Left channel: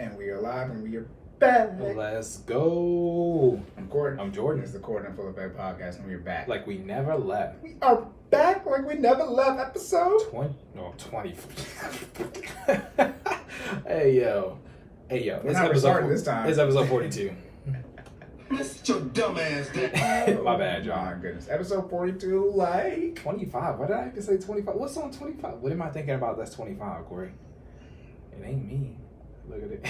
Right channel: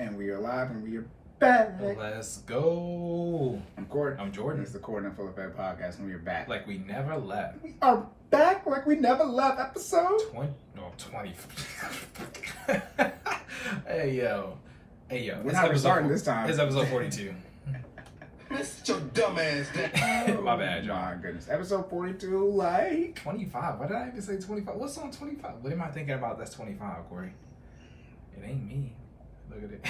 And we are live and we are back. Let's go. I'm Cory. I'm Jordan. This is the Cory and FinallyFit podcast and we are back. Like we never left. We are back like we never left. Episode 20. Hey yo. We're not restarting this time. It's episode 42. Sit your dumb ass down. My bad, y'all. My goodness. Episode 42, like 25. Why did I even say 25? What's on 25? What am I thinking about that's 25, Cory? It ain't me. Look at it.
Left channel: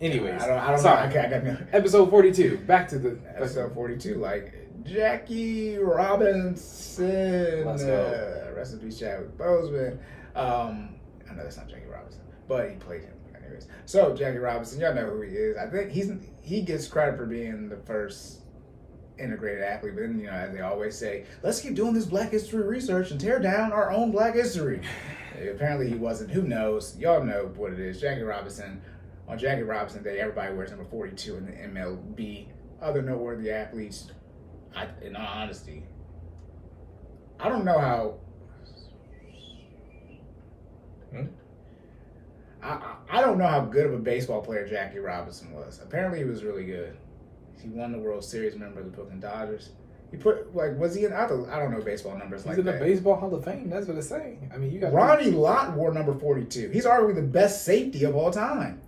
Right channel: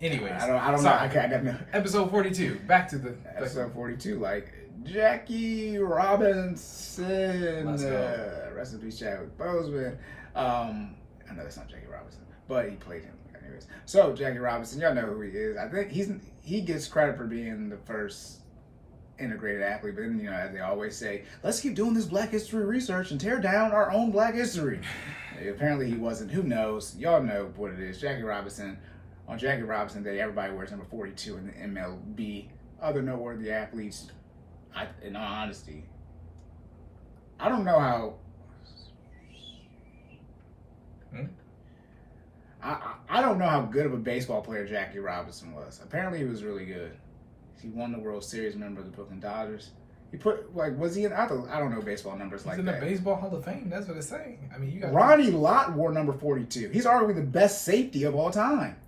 Anyways, I don't sorry. know. I got no. Episode 42. Back to the Episode 42, like Jackie Robinson. Let's go. Rest in peace, Chadwick Boseman. I know that's not Jackie Robinson, but he played him. Anyways, so Jackie Robinson, y'all know who he is. I think he gets credit for being the first integrated athlete, but then, you know, as they always say, let's keep doing this Black history research and tear down our own Black history. Apparently he wasn't. Who knows? Y'all know what it is. Jackie Robinson. On Jackie Robinson Day, everybody wears number 42 in the MLB. Other noteworthy athletes, in all honesty, I don't know how. I don't know how good of a baseball player Jackie Robinson was. Apparently, he was really good. He won the World Series, member of the Brooklyn Dodgers. He put, like, was he in? I don't know baseball numbers He's like in that. the Baseball Hall of Fame. That's what it's saying. I mean, you got Ronnie Lott wore number 42. He's arguably the best safety of all time.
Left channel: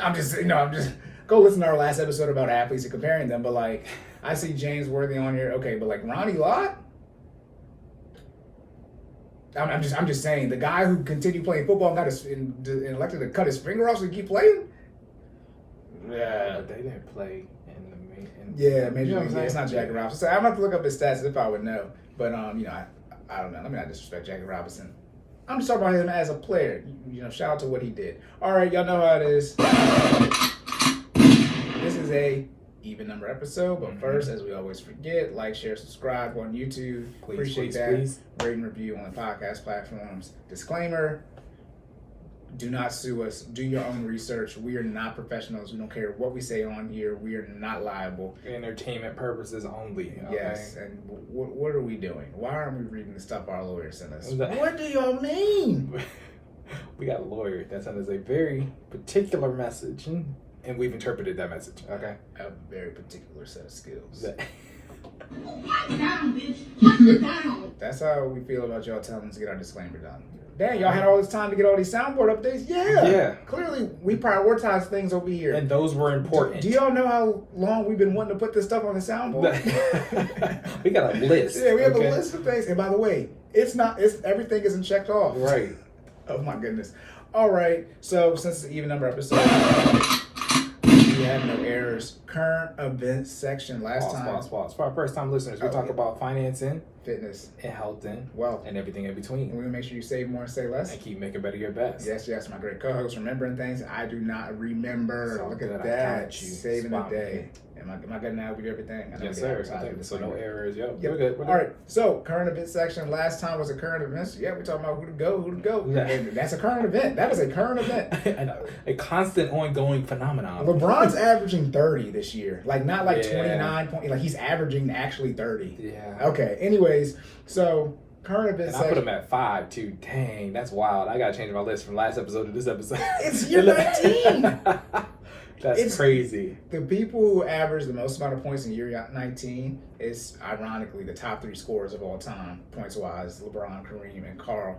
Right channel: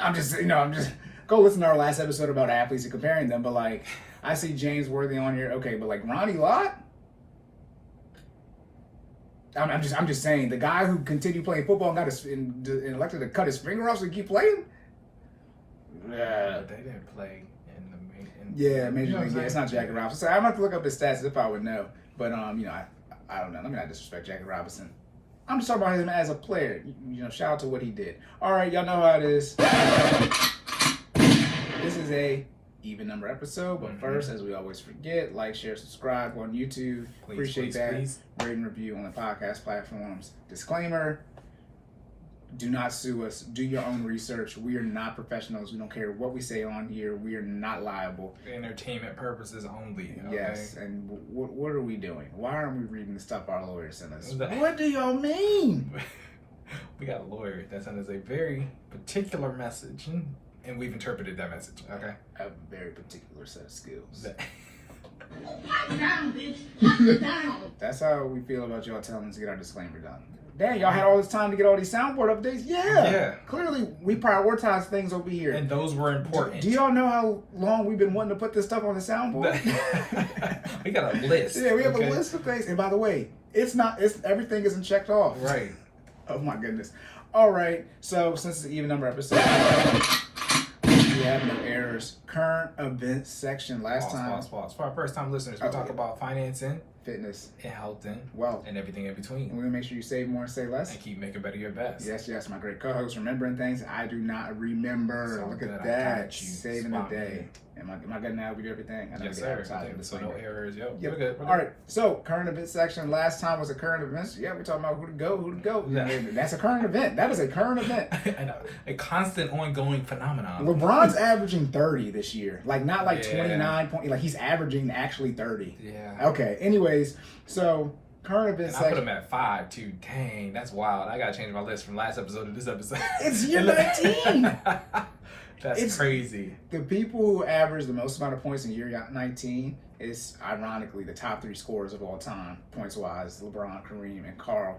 I'm just go listen to our last episode about athletes and comparing them. But like, I see James Worthy on here. Okay, but like Ronnie Lott. I'm just saying, the guy who continued playing football and got elected to cut his finger off so he keep playing. Yeah, but they didn't play in the main. Yeah, Major you know League. It's not Jackie Robinson. So I'm gonna have to look up his stats if I would know. But you know, I don't know. Let me not disrespect Jackie Robinson. I'm just talking about him as a player. You know, shout out to what he did. All right, y'all know how it is. This is a even number episode, but first, as we always forget, like, share, subscribe on YouTube. Appreciate that. Please. Rate and review on the podcast platforms. Disclaimer: do not sue us. Do your own research. We are not professionals. We don't care what we say on here. We are not liable. For entertainment purposes only. Okay? Yes, and what are we doing? Why aren't we reading the stuff our lawyers sent us? That? What do y'all mean? We got a lawyer that sent us a very particular message, and we've interpreted that message. Okay. A very particular set of skills. That's how we feel about y'all telling us to get our disclaimer done. Dang, y'all had all this time to get all these soundboard updates? Yeah. Clearly, we prioritize things over here. And those were important. Do y'all know how long we've been wanting to put this stuff on the soundboard? We got a list. Yeah, we have a list of things. And by the way, everything isn't checked off. Right. Oh my goodness. All right. So since it's an even number episode, we have no errors. Current events section. Pause. For our first time listeners, we talk about financing, fitness, and health, and wealth, and everything in and between. we're gonna make sure you save more and say less. And keep making better your best. Yes, my great co-host, remembering things I do not remember. So Look good, at I that. got you. Saving Spot the day. me. Am I good now with everything? I know Yes, we sir. get I think so. No disclaimer. errors. Yo, Yep. we're good. All right. So current event section. Last time was a current events. Yeah, we're talking about who to go. Yeah. And that's a current event. That was a current event. A constant, ongoing phenomenon. LeBron's averaging 30 this year. Like, not like Yeah. 29 point. Like, he's averaging actually 30. Yeah. Okay. Anyways, so current event And section. I put him at 5 too. Dang, that's wild. I gotta change my list from last episode to this episode. It's year 19. That's crazy. The people who average the most amount of points in year 19 is ironically the top 3 scorers of all time, points wise: LeBron, Kareem, and Carl.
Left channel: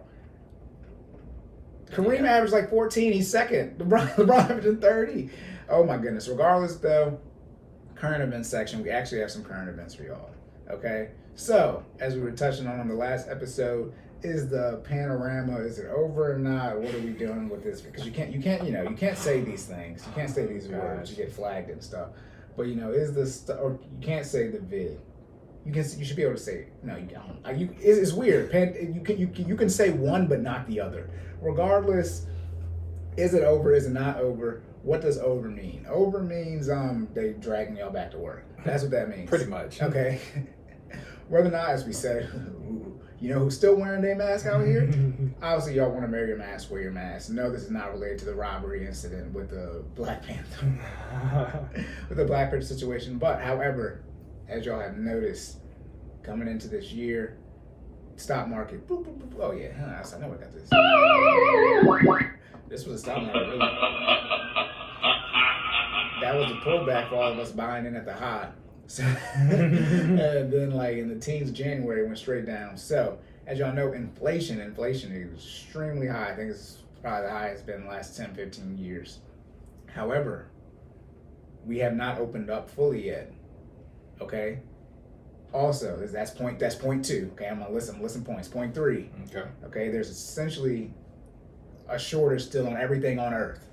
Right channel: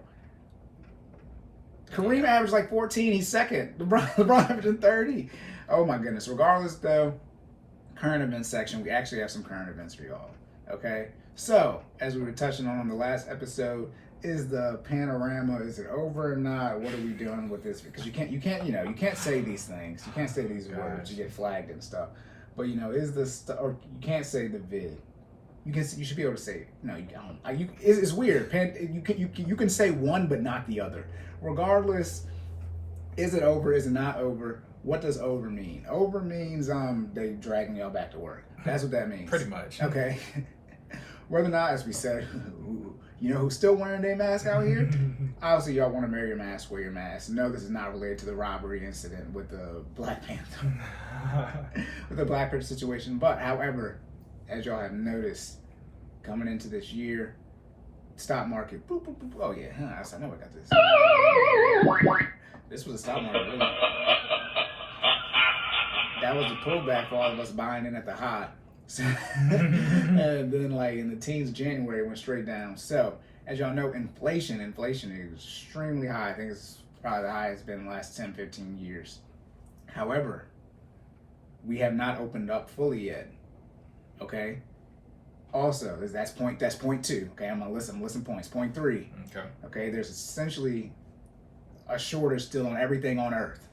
Kareem averaged like 14. He's second. LeBron averaging 30. Oh my goodness. Regardless, though, current events section. We actually have some current events for y'all. Okay. So as we were touching on the last episode, is the panorama, is it over or not? What are we doing with this? Because you can't say these things. You can't say these words. You get flagged and stuff. But is this, or you can't say the vid. You should be able to say it. No, you can't. It's weird. You can say one but not the other. Regardless, is it over? Is it not over? What does over mean? Over means they dragging y'all back to work. That's what that means. Pretty much. Okay. Whether or not, as we said, you know who's still wearing their mask out here? Obviously, y'all want to wear your mask, wear your mask. No, this is not related to the robbery incident with the Black Panther, with the Black Panther situation. But, however, as y'all have noticed, coming into this year, stock market. Boop, boop, boop. Oh yeah, I know I got this. This was a stock market. Really. That was the pullback for all of us buying in at the high. So, and then like in the teens of January it went straight down. So as y'all know, inflation is extremely high. I think it's probably the highest it's been in the last 10, 15 years. However, we have not opened up fully yet. Okay. Also, that's point 2. Okay, I'm gonna listen points. Point 3. Okay. Okay, there's essentially a shortage still on everything on Earth.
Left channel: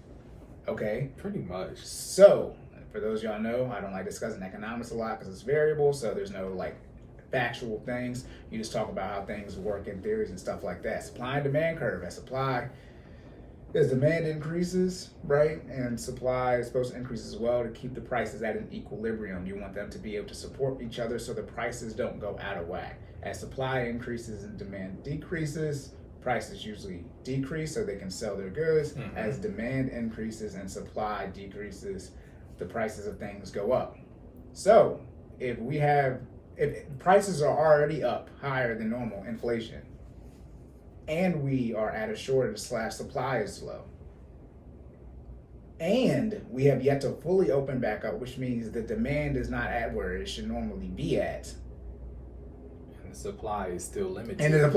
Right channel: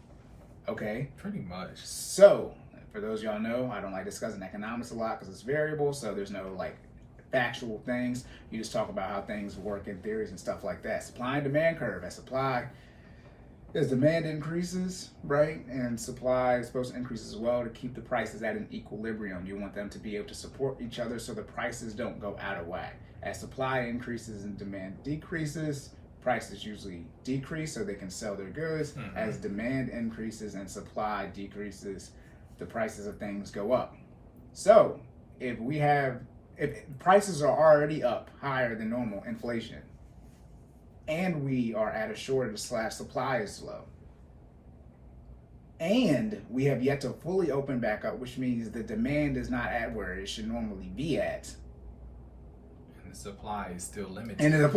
Okay. Pretty much. So, for those y'all know, I don't like discussing economics a lot because it's variable. So there's no like factual things. You just talk about how things work in theories and stuff like that. Supply and demand curve. As demand increases, right, and supply is supposed to increase as well to keep the prices at an equilibrium. You want them to be able to support each other so the prices don't go out of whack. As supply increases and demand decreases, prices usually decrease so they can sell their goods. Mm-hmm. As demand increases and supply decreases, the prices of things go up. So if prices are already up higher than normal inflation, and we are at a shortage / supply is slow, and we have yet to fully open back up, which means the demand is not at where it should normally be at. And the supply is still limited. And the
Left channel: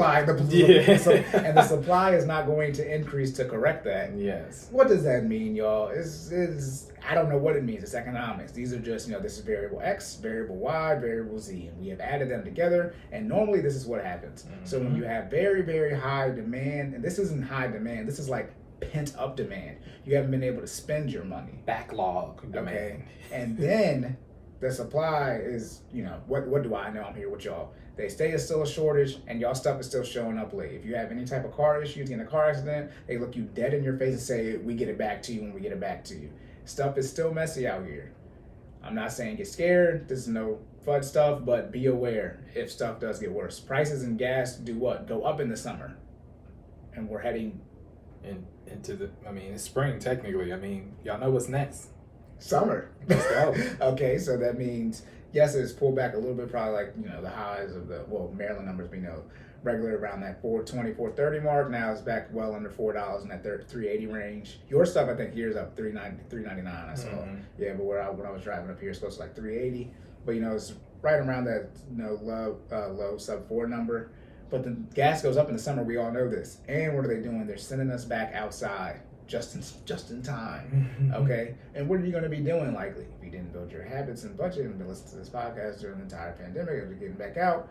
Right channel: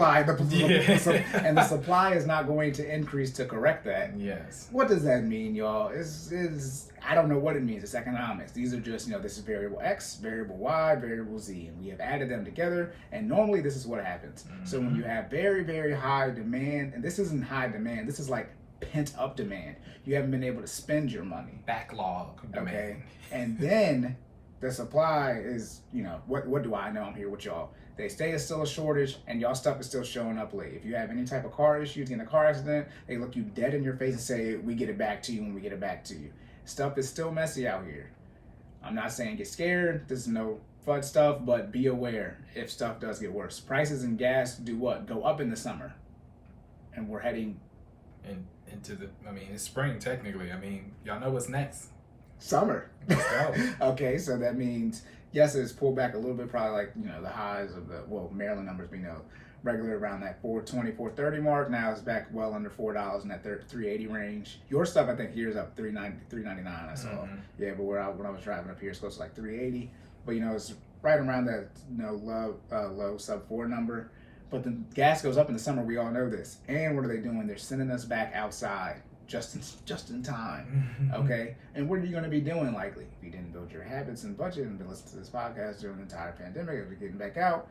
supply is not going to increase to correct that. Yes. What does that mean, y'all? I don't know what it means. It's economics. These are just, this is variable X, variable Y, variable Z, and we have added them together, and normally this is what happens. Mm-hmm. So when you have very, very high demand, and this isn't high demand, this is like pent up demand. You haven't been able to spend your money. Backlog demand. Okay. And then the supply is, what do I know? I'm here with y'all. They say it's still a shortage, and y'all stuff is still showing up late. If you have any type of car issues, in a car accident, they look you dead in your face and say, we get it back to you when we get it back to you. Stuff is still messy out here. I'm not saying get scared. This is no fun stuff, but be aware if stuff does get worse. Prices in gas do what? Go up in the summer. And we're heading into it's spring technically. Y'all know what's next. Summer. Let's go. Okay, so that means, yes, it's pulled back a little bit, probably like, the highs of Maryland numbers, we know, regular around that 420, 430 mark. Now it's back well under $4 in that 380 range. Your stuff, I think, here is up 399. I saw. Mm-hmm. Yeah, but when I was driving up here, it's close to like 380. But it's right around that low sub 4 number. But the gas goes up in the summer. We all know this. And what are they doing? They're sending us back outside just in time. Mm-hmm. Okay. And what are you going to be doing likely if you didn't build your habits and budget and been listening to this podcast during the entire pandemic as we're getting back out?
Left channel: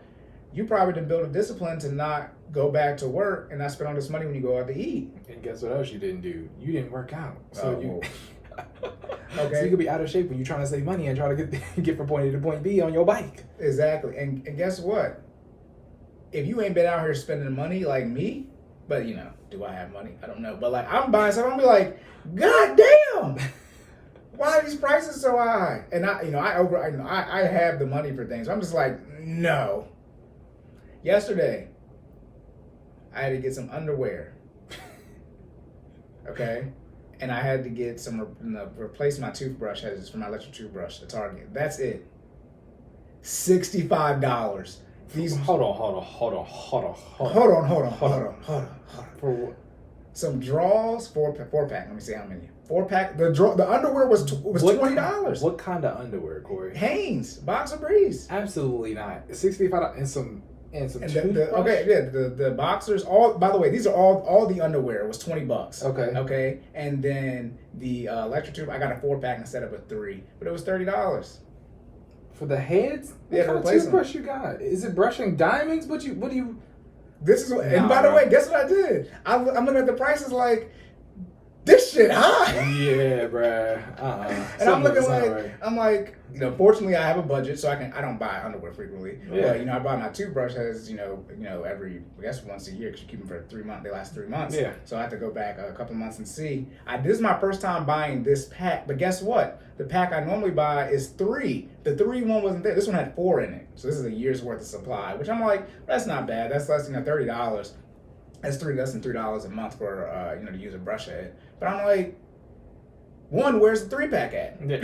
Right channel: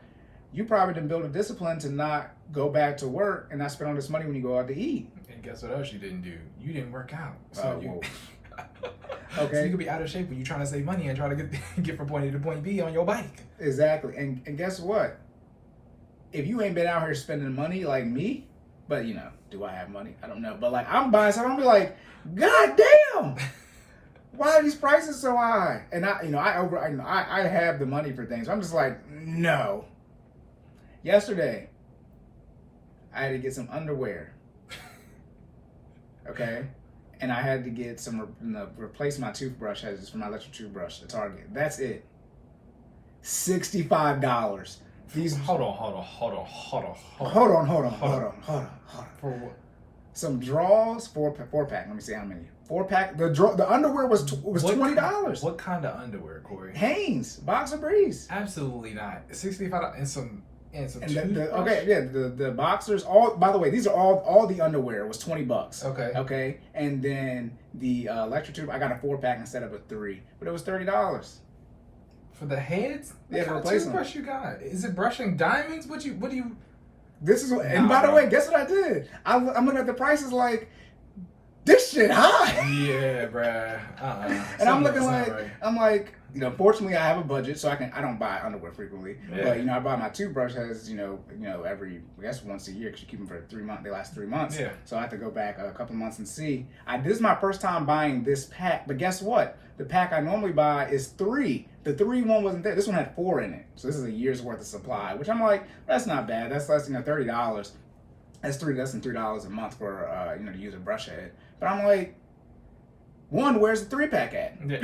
You probably didn't build a discipline to not go back to work and not spend all this money when you go out to eat. And guess what else you didn't do? You didn't work out. So okay. So you could be out of shape when you're trying to save money and try to get from point A to point B on your bike. Exactly. And guess what? If you ain't been out here spending money like me, but do I have money? I don't know. But like I'm buying stuff, I'm be like, God damn! Why are these prices so high? And I have the money for things. I'm just like, no. Yesterday, I had to get some underwear. Okay? And I had to get some, replace my toothbrush heads for my electric toothbrush at Target. That's it. $65. Hold on. For what? Some draws, four pack. Let me see how many. 4-pack. The underwear was $20. What kind of underwear, Cory? Hanes, Boxer Breeze. Absolutely not. $65 and some the boxers. By the way, these are all the underwear was $20. Okay. And then the electric tube, I got a 4-pack instead of a 3, but it was $30 for the heads. What kind of toothbrush you got? Is it brushing diamonds? What do you? This is and by the way, guess what I did? I'm looking at the prices like, this shit high. Yeah, bruh. And I'm looking like, right. I'm like, fortunately I have a budget, so I don't buy underwear frequently. Yeah. But I buy my toothbrush has, every, I guess once a year because you keep them for 3 months. They last 3 months. Yeah. So I have to go back a couple months and see. This is my first time buying this pack, but guess what? The pack I normally buy is 3. The 3 one wasn't there. This one had 4 in it. So this is a year's worth of supply, which I'm like, that's not bad. That's less than $30. That's less than $3 a month for to use a brush head. But I'm like, where's the 3-pack at? Yeah.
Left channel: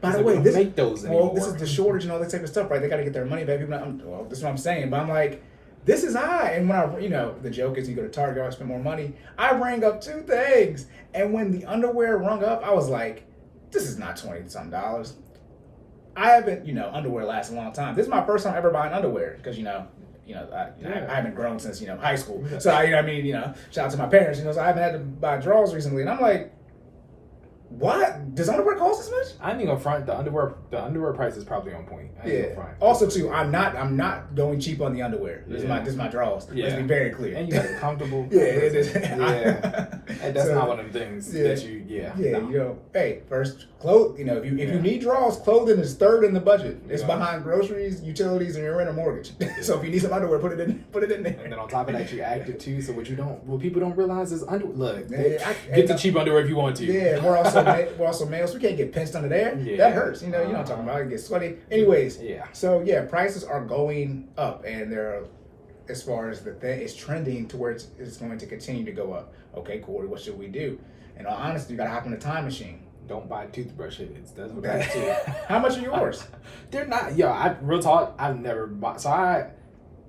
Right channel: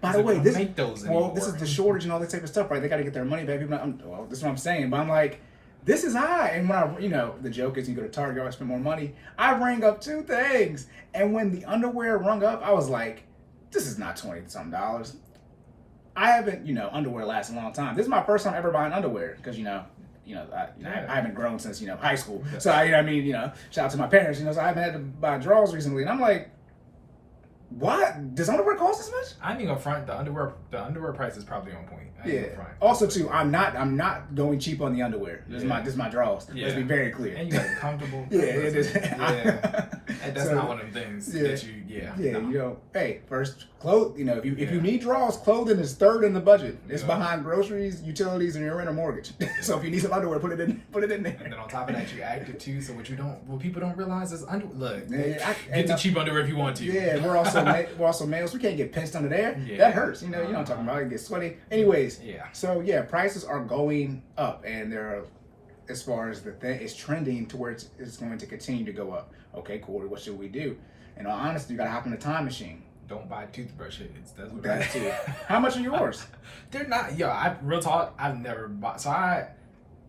By the way, this is the shortage and all that type of stuff, right? They got to get their money back. This is what I'm saying. But I'm like, this is high. And when the joke is you go to Target, you always spend more money. I rang up 2 things. And when the underwear rung up, I was like, this is not $20-something. I haven't, underwear lasts a long time. This is my first time ever buying underwear because, I haven't grown since, high school. So, shout out to my parents, so I haven't had to buy drawers recently. And I'm like, what? Does underwear cost this much? I ain't gonna front. The underwear price is probably on point. I ain't gonna front. Also, too, I'm not going cheap on the underwear. This is my drawers. Yeah. Let's be very clear. And you got it comfortable. Yeah, it is. Yeah. And that's not one of them things that you. Yeah, no. Hey, first clothes. If you need drawers, clothing is third in the budget. It's behind groceries, utilities, and your rent or mortgage. So if you need some underwear, put it in there. And then on top of that, you active too. So what people don't realize is underwear. Look, Get the cheap underwear if you want to. Yeah, we're also males. We can't get pinched under there. Yeah. That hurts. You know what I'm talking about. It gets sweaty. Anyways. Yeah. So prices are going up, and they're, as far as the thing, it's trending to where it's going to continue to go up. Okay, Cory, what should we do? In all honesty, you gotta hop in the time machine. Don't buy toothbrushes. That's what I do. How much are yours? They're not. Real talk. I've never bought. So I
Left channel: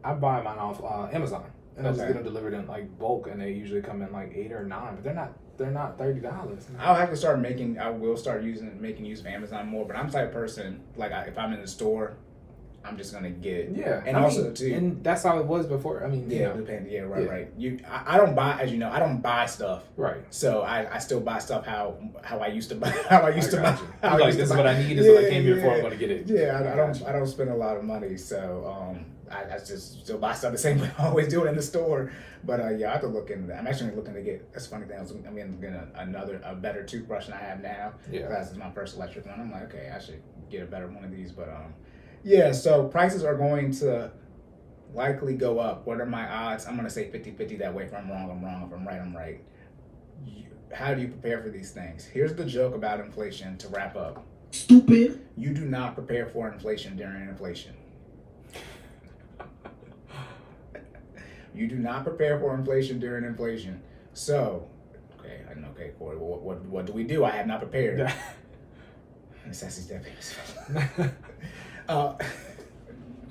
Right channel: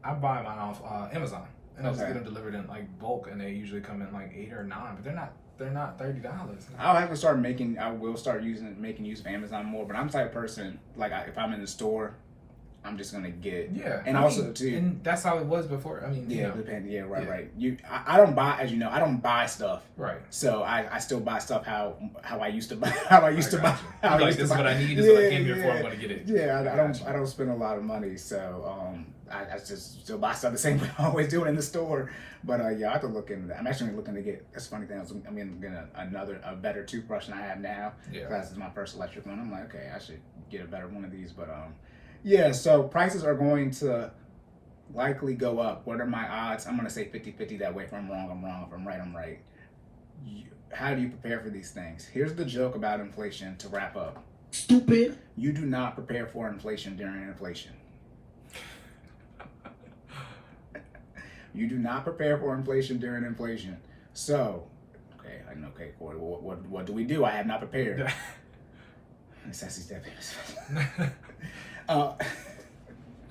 buy mine off Amazon, and I just get them delivered in like bulk, and they usually come in like 8 or 9. But they're not $30. I'll have to start making. I will start making use of Amazon more. But I'm the type of person if I'm in the store, I'm just gonna get. Yeah, and and that's how it was before. I mean, depending. Yeah, right. I don't buy, as you know, I don't buy stuff. Right. So I still buy stuff how I used to buy. How I used to buy. This is what I need. This is what I came here for. I'm gonna get it. Yeah, I don't spend a lot of money. So I just still buy stuff the same way I always do it in the store. But I have to look into that. I'm actually looking to get. That's a funny thing. I'm going to get a better toothbrush than I have now. Yeah. Because it's my first electric one. I'm like, okay, I should get a better one of these. But so prices are going to likely go up. What are my odds? I'm going to say 50-50 that way. If I'm wrong, I'm wrong. If I'm right, I'm right. How do you prepare for these things? Here's the joke about inflation to wrap up. Stupid. You do not prepare for inflation during inflation. You do not prepare for inflation during inflation. So, okay, Cory, what do we do? I have not prepared.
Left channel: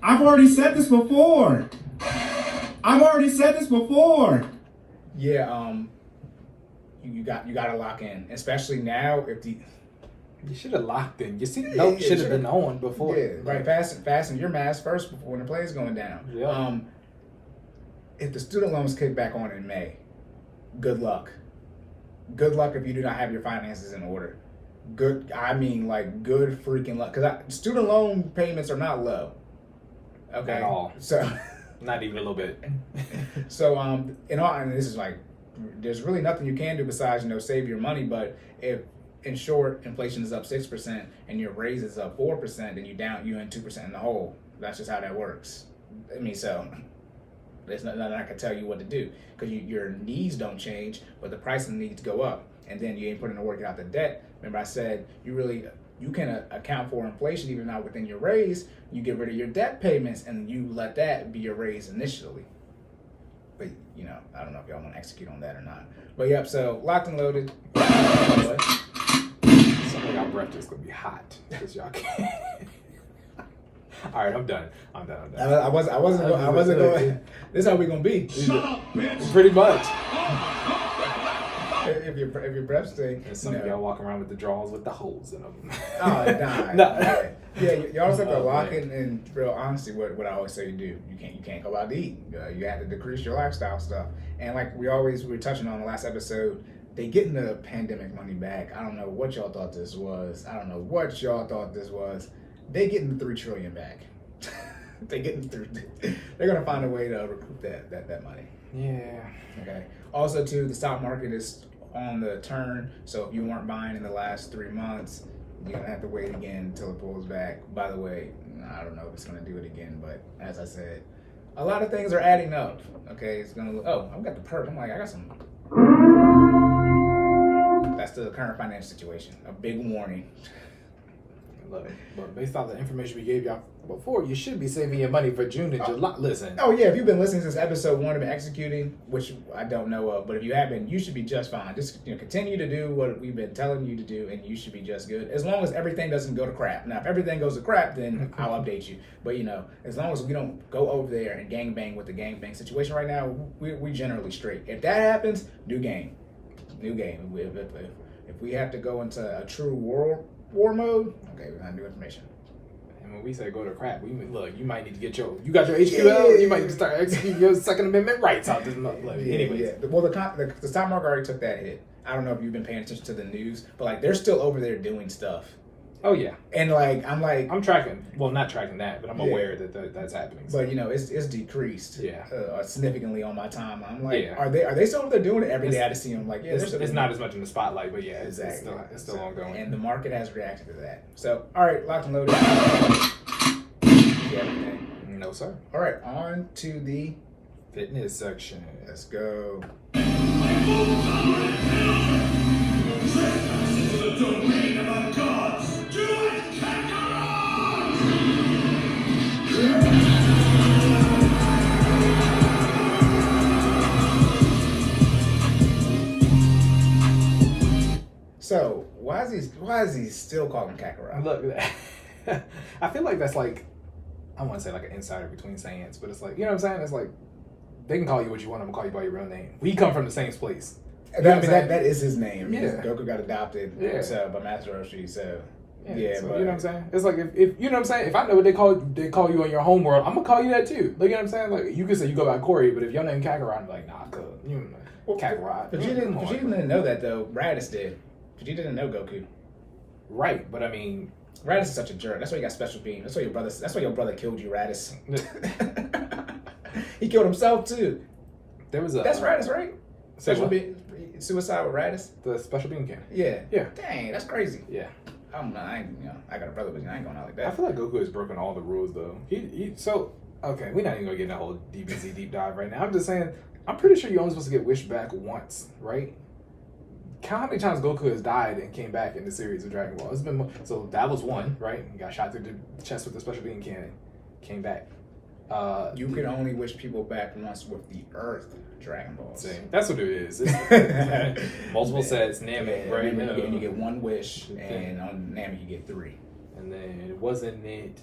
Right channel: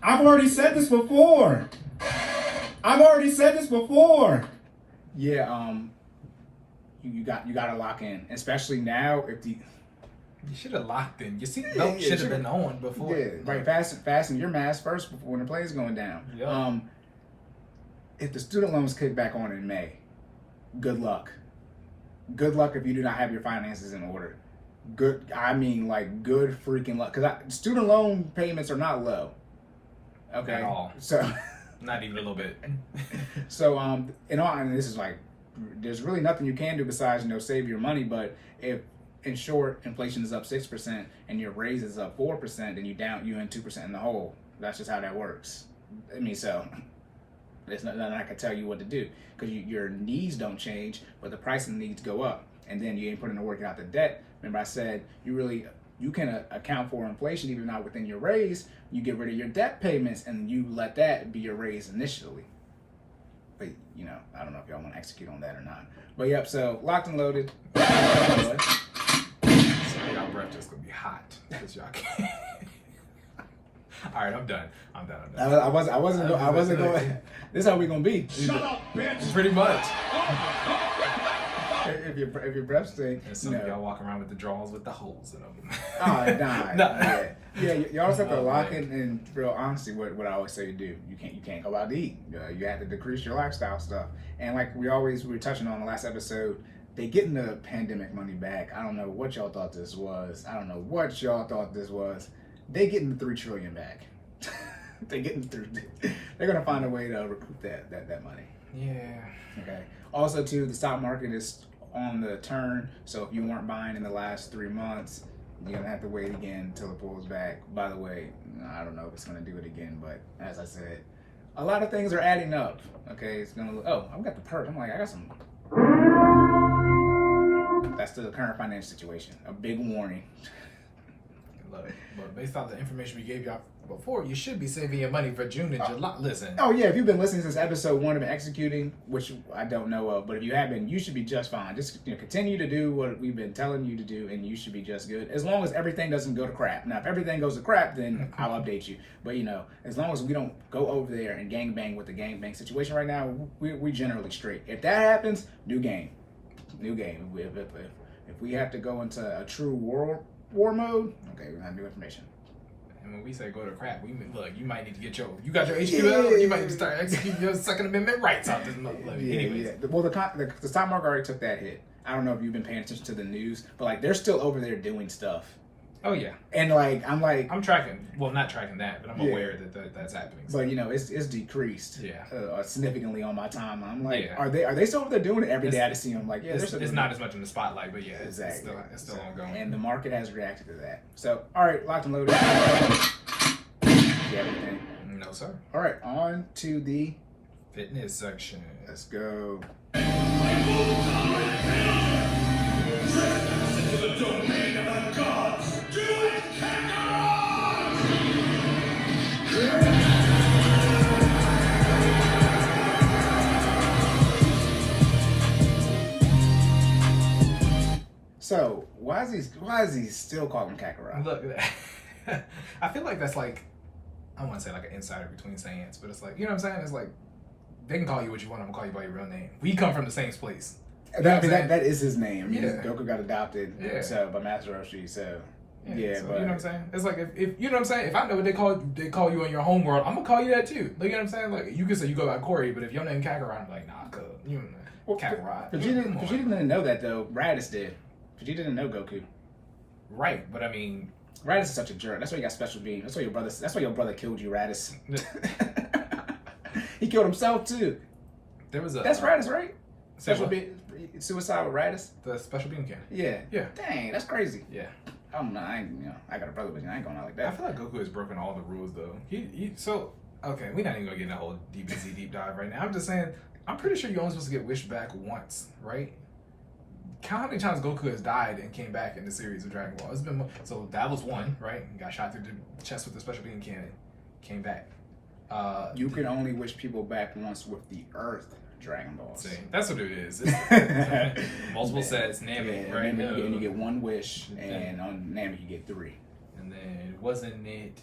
I've already said this before. Yeah, you got to lock in, especially now. You should have locked in. You see, should have been on before. Yeah, right. Fasten your mask first before when the plane's going down. Yeah. If the student loans kick back on in May, good luck. Good luck if you do not have your finances in order. Good freaking luck. Because student loan payments are not low. Okay. At all. So, not even a little bit. So, and this is there's really nothing you can do besides save your money. But if, in short, inflation is up 6% and your raise is up 4%, then you're in 2% in the hole. That's just how that works. There's nothing I can tell you what to do because your needs don't change, but the price of the needs go up, and then you ain't putting the work out the debt. Remember I said you can account for inflation even not within your raise. You get rid of your debt payments and you let that be your raise initially. But I don't know if y'all want to execute on that or not. But yep, so locked and loaded. Some of y'all breakfast gonna be hot because y'all can't. All right, I'm done. I wasn't going. This is how we gonna be. Shut up, bitch. Pretty much. If your breath stink. And some of y'all walk around with the drawers with the holes in them. Oh, nah. Yeah, y'all just have to lock man. in. And real honesty, what I always say to do, you can't go out to eat. You have to decrease your lifestyle stuff. And like we were touching on the last episode, they getting the pandemic money back. I don't know what y'all thought this was. They getting the $3 trillion back. They're gonna find a way to recoup that money. Yeah. Okay. Also, too, the stock market is on the turn. So if you weren't buying in the last 3 months, you're gonna have to wait again until it pulls back. By the way, I don't know if it's gonna do it again, but as I said, a lot of things are adding up. Okay, it's gonna. Oh, I've got the perk. I'm like, I got some. That's the current financial situation. A big warning. Look, but based on the information we gave y'all before, you should be saving your money for June and July. Listen. Oh yeah, if you've been listening since episode 1 and been executing, which I don't know of, but if you have been, you should be just fine. Just continue to do what we've been telling you to do, and you should be just good. As long as everything doesn't go to crap. Now, if everything goes to crap, then I'll update you. But as long as we don't go over there and gangbang with the gangbang situation right now, we generally straight. If that happens, new game. If we have to go into a true war mode, okay, we're gonna have new information. And when we say go to crap, we mean, look, you might need to get you got your HQL, you might need to start executing your Second Amendment rights out this month. Anyways. Yeah. Well, the stock market already took that hit. I don't know if you've been paying attention to the news, but they're still over there doing stuff. Oh yeah. And I'm tracking. Well, not tracking that, but I'm aware that that's happening. So. But it's decreased. Yeah. Significantly on my timeline. I'm like, are they still over there doing it every day? I just see them like, it's not as much in the spotlight, but yeah, exactly. It's still ongoing. And the market has reacted to that. So, all right, locked and loaded. Everything. No sir. All right, on to the fitness section. Let's go. So why is he still calling Kakarot? Look, I feel like that's like, I want to say like an insider between Saiyans, but it's like, you know what I'm saying? It's like, they can call you what you want, I'm gonna call you by your real name. We come from the same place. That is his name. Yeah. Goku got adopted by Master Roshi, so so, but, you know what I'm saying? It's like if you know what I'm saying, if I know what they call you in your home world, I'm gonna call you that too. Like, you know what I'm saying? Like, you can say you go by Cory, but if your name Kakarot, I'm like, nah, Kakarot. Vegeta didn't know that though. Raditz did. Vegeta didn't know Goku. Right, but I mean, Raditz is such a jerk. That's why you got special beam. That's why your brother killed you, Raditz. He killed himself too. That's Raditz, right? Special beam, suicide with Raditz. The special beam camp. Yeah. Yeah. Dang, that's crazy. Yeah. I got a brother, but I ain't going out like that. I feel like Goku has broken all the rules though. Okay, we're not even gonna get in a whole DBZ deep dive right now. I'm just saying, I'm pretty sure you're only supposed to get wished back once, right? Count how many times Goku has died and came back in the series of Dragon Ball. So that was one, right? He got shot through the chest with the special beam cannon, came back. You can only wish people back once with the Earth Dragon Balls. See, that's what it is. Multiple sets, Namek, right? And you get one wish, and on Namek you get 3. And then wasn't it?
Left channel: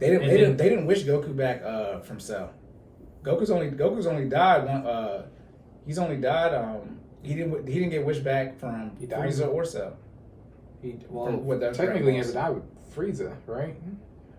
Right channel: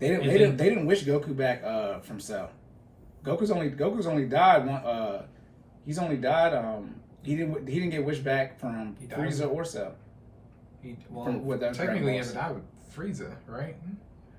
They didn't wish Goku back from Cell. Goku's only died one. He's only died. He didn't get wished back from Frieza or Cell. Technically, he never died with Frieza, right?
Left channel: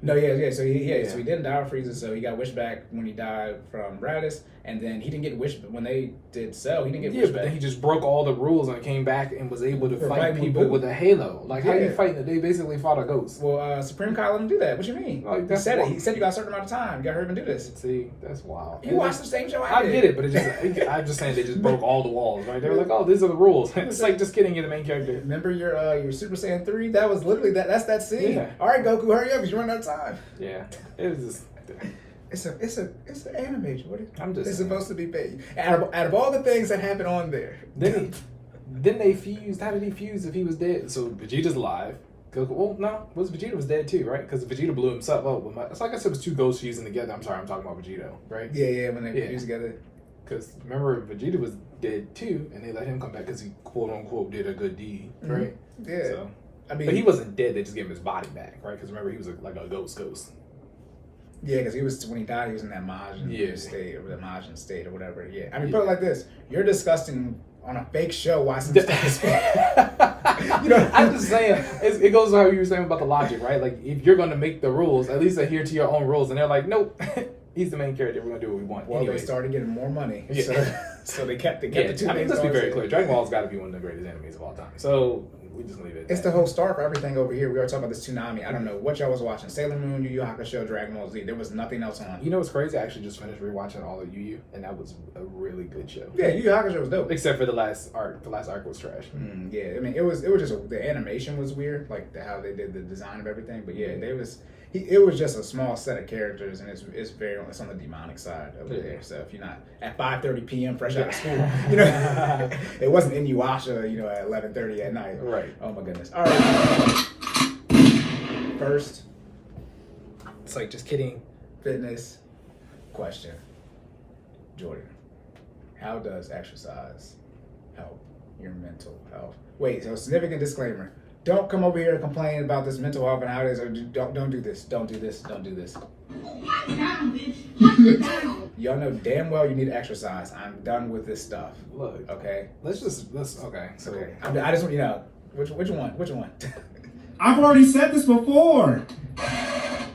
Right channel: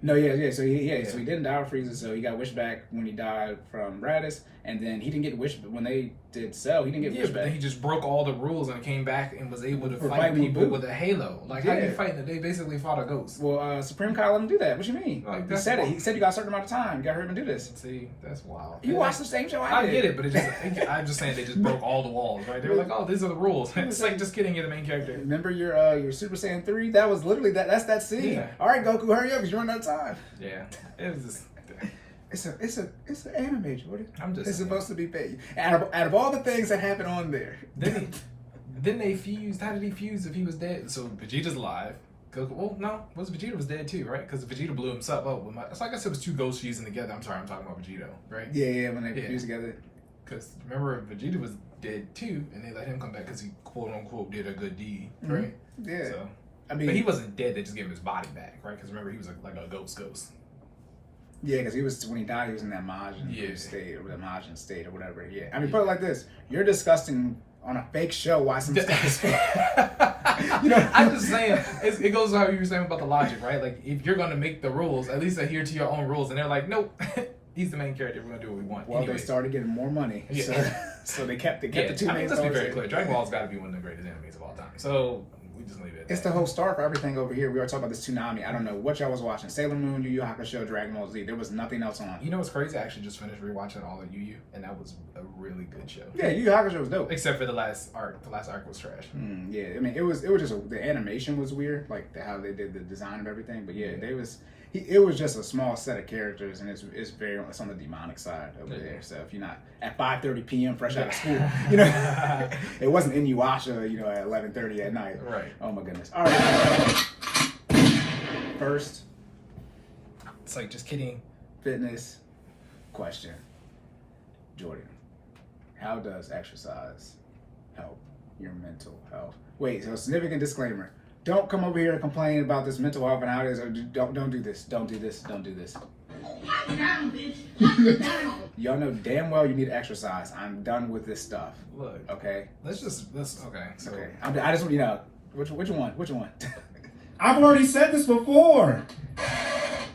No, yeah. So he didn't die with Frieza, so he got wished back when he died from Raditz, and then he didn't get wished when they did Cell. He didn't get wished back. Then he just broke all the rules and came back and was able to fight people with a halo. Like, how you fighting? They basically fought a ghost. Well, Supreme Kai let him do that. What you mean? Like, he said it. He said you got a certain amount of time. You got to hurry and do this. See, that's wild. You watched the same show I did. I get it, but I'm just saying they just broke all the walls. Right? They were like, oh, these are the rules. It's like, just kidding, you're the main character. Remember your Super Saiyan 3? That was literally that's that scene. Yeah. All right, Goku, hurry up because you're running out of time. Yeah. It was just... It's an anime, Jordan. I'm just. It's supposed to be paid. Out of all the things that happened on there, didn't they fuse? How did he fuse if he was dead? So Vegeta's alive. Goku. Well, no, Vegeta was dead too, right? Because Vegeta blew himself up. It's like I said, it was 2 ghosts fusing together. I'm sorry, I'm talking about Vegeta, right? Yeah, when they fused together. Because remember, Vegeta was dead too, and they let him come back because he quote unquote did a good deed, right? Mm-hmm. Yeah. So, I mean, but he wasn't dead. They just gave him his body back, right? Because remember, he was like a ghost. Yeah, because when he died, he was in that Majin state or the Majin state or whatever. Yeah, I mean, put it like this: you're disgusting on a fake show. Why some stuff is fake? I'm just saying. It goes to how you were saying about the logic, right? Like, if you're gonna make the rules, at least adhere to your own rules. And they're like, nope, he's the main character. We're gonna do what we want. Well, Anyways. They started getting more money, so they kept the 2 names. Let's be very clear. Dragon Ball's got to be one of the greatest animes of all time. So. We just leave it. It's the whole star for everything over here. We are talking about this tsunami. I don't know what y'all was watching. Sailor Moon, Yu Yu Hakusho, Dragon Ball Z. There was nothing else on. You know what's crazy? I actually just finished rewatching all of Yu Yu, and that was a really good show. Yeah, Yu Yu Hakusho was dope. Except for the last arc. The last arc was trash. Yeah, I mean it was just the animation was weird, like how they did the design of everything. But it was just a small set of characters, and it's on the demonic side over there. So if you're not at 5:30 p.m. fresh out of school, it wasn't Inuyasha, at 11:30 at night. Right. Oh my goodness. All right. First, It's like, just kidding. fitness question. Jordan, how does exercise help your mental health? Wait, so significant disclaimer. Don't come over here and complain about this mental health and how it is. Or don't do this. Don't do this. Don't do this. Y'all know damn well you need to exercise. I'm done with this stuff. Look, Okay. let's okay. So Okay. I just want which one? Which one? I've already said this before.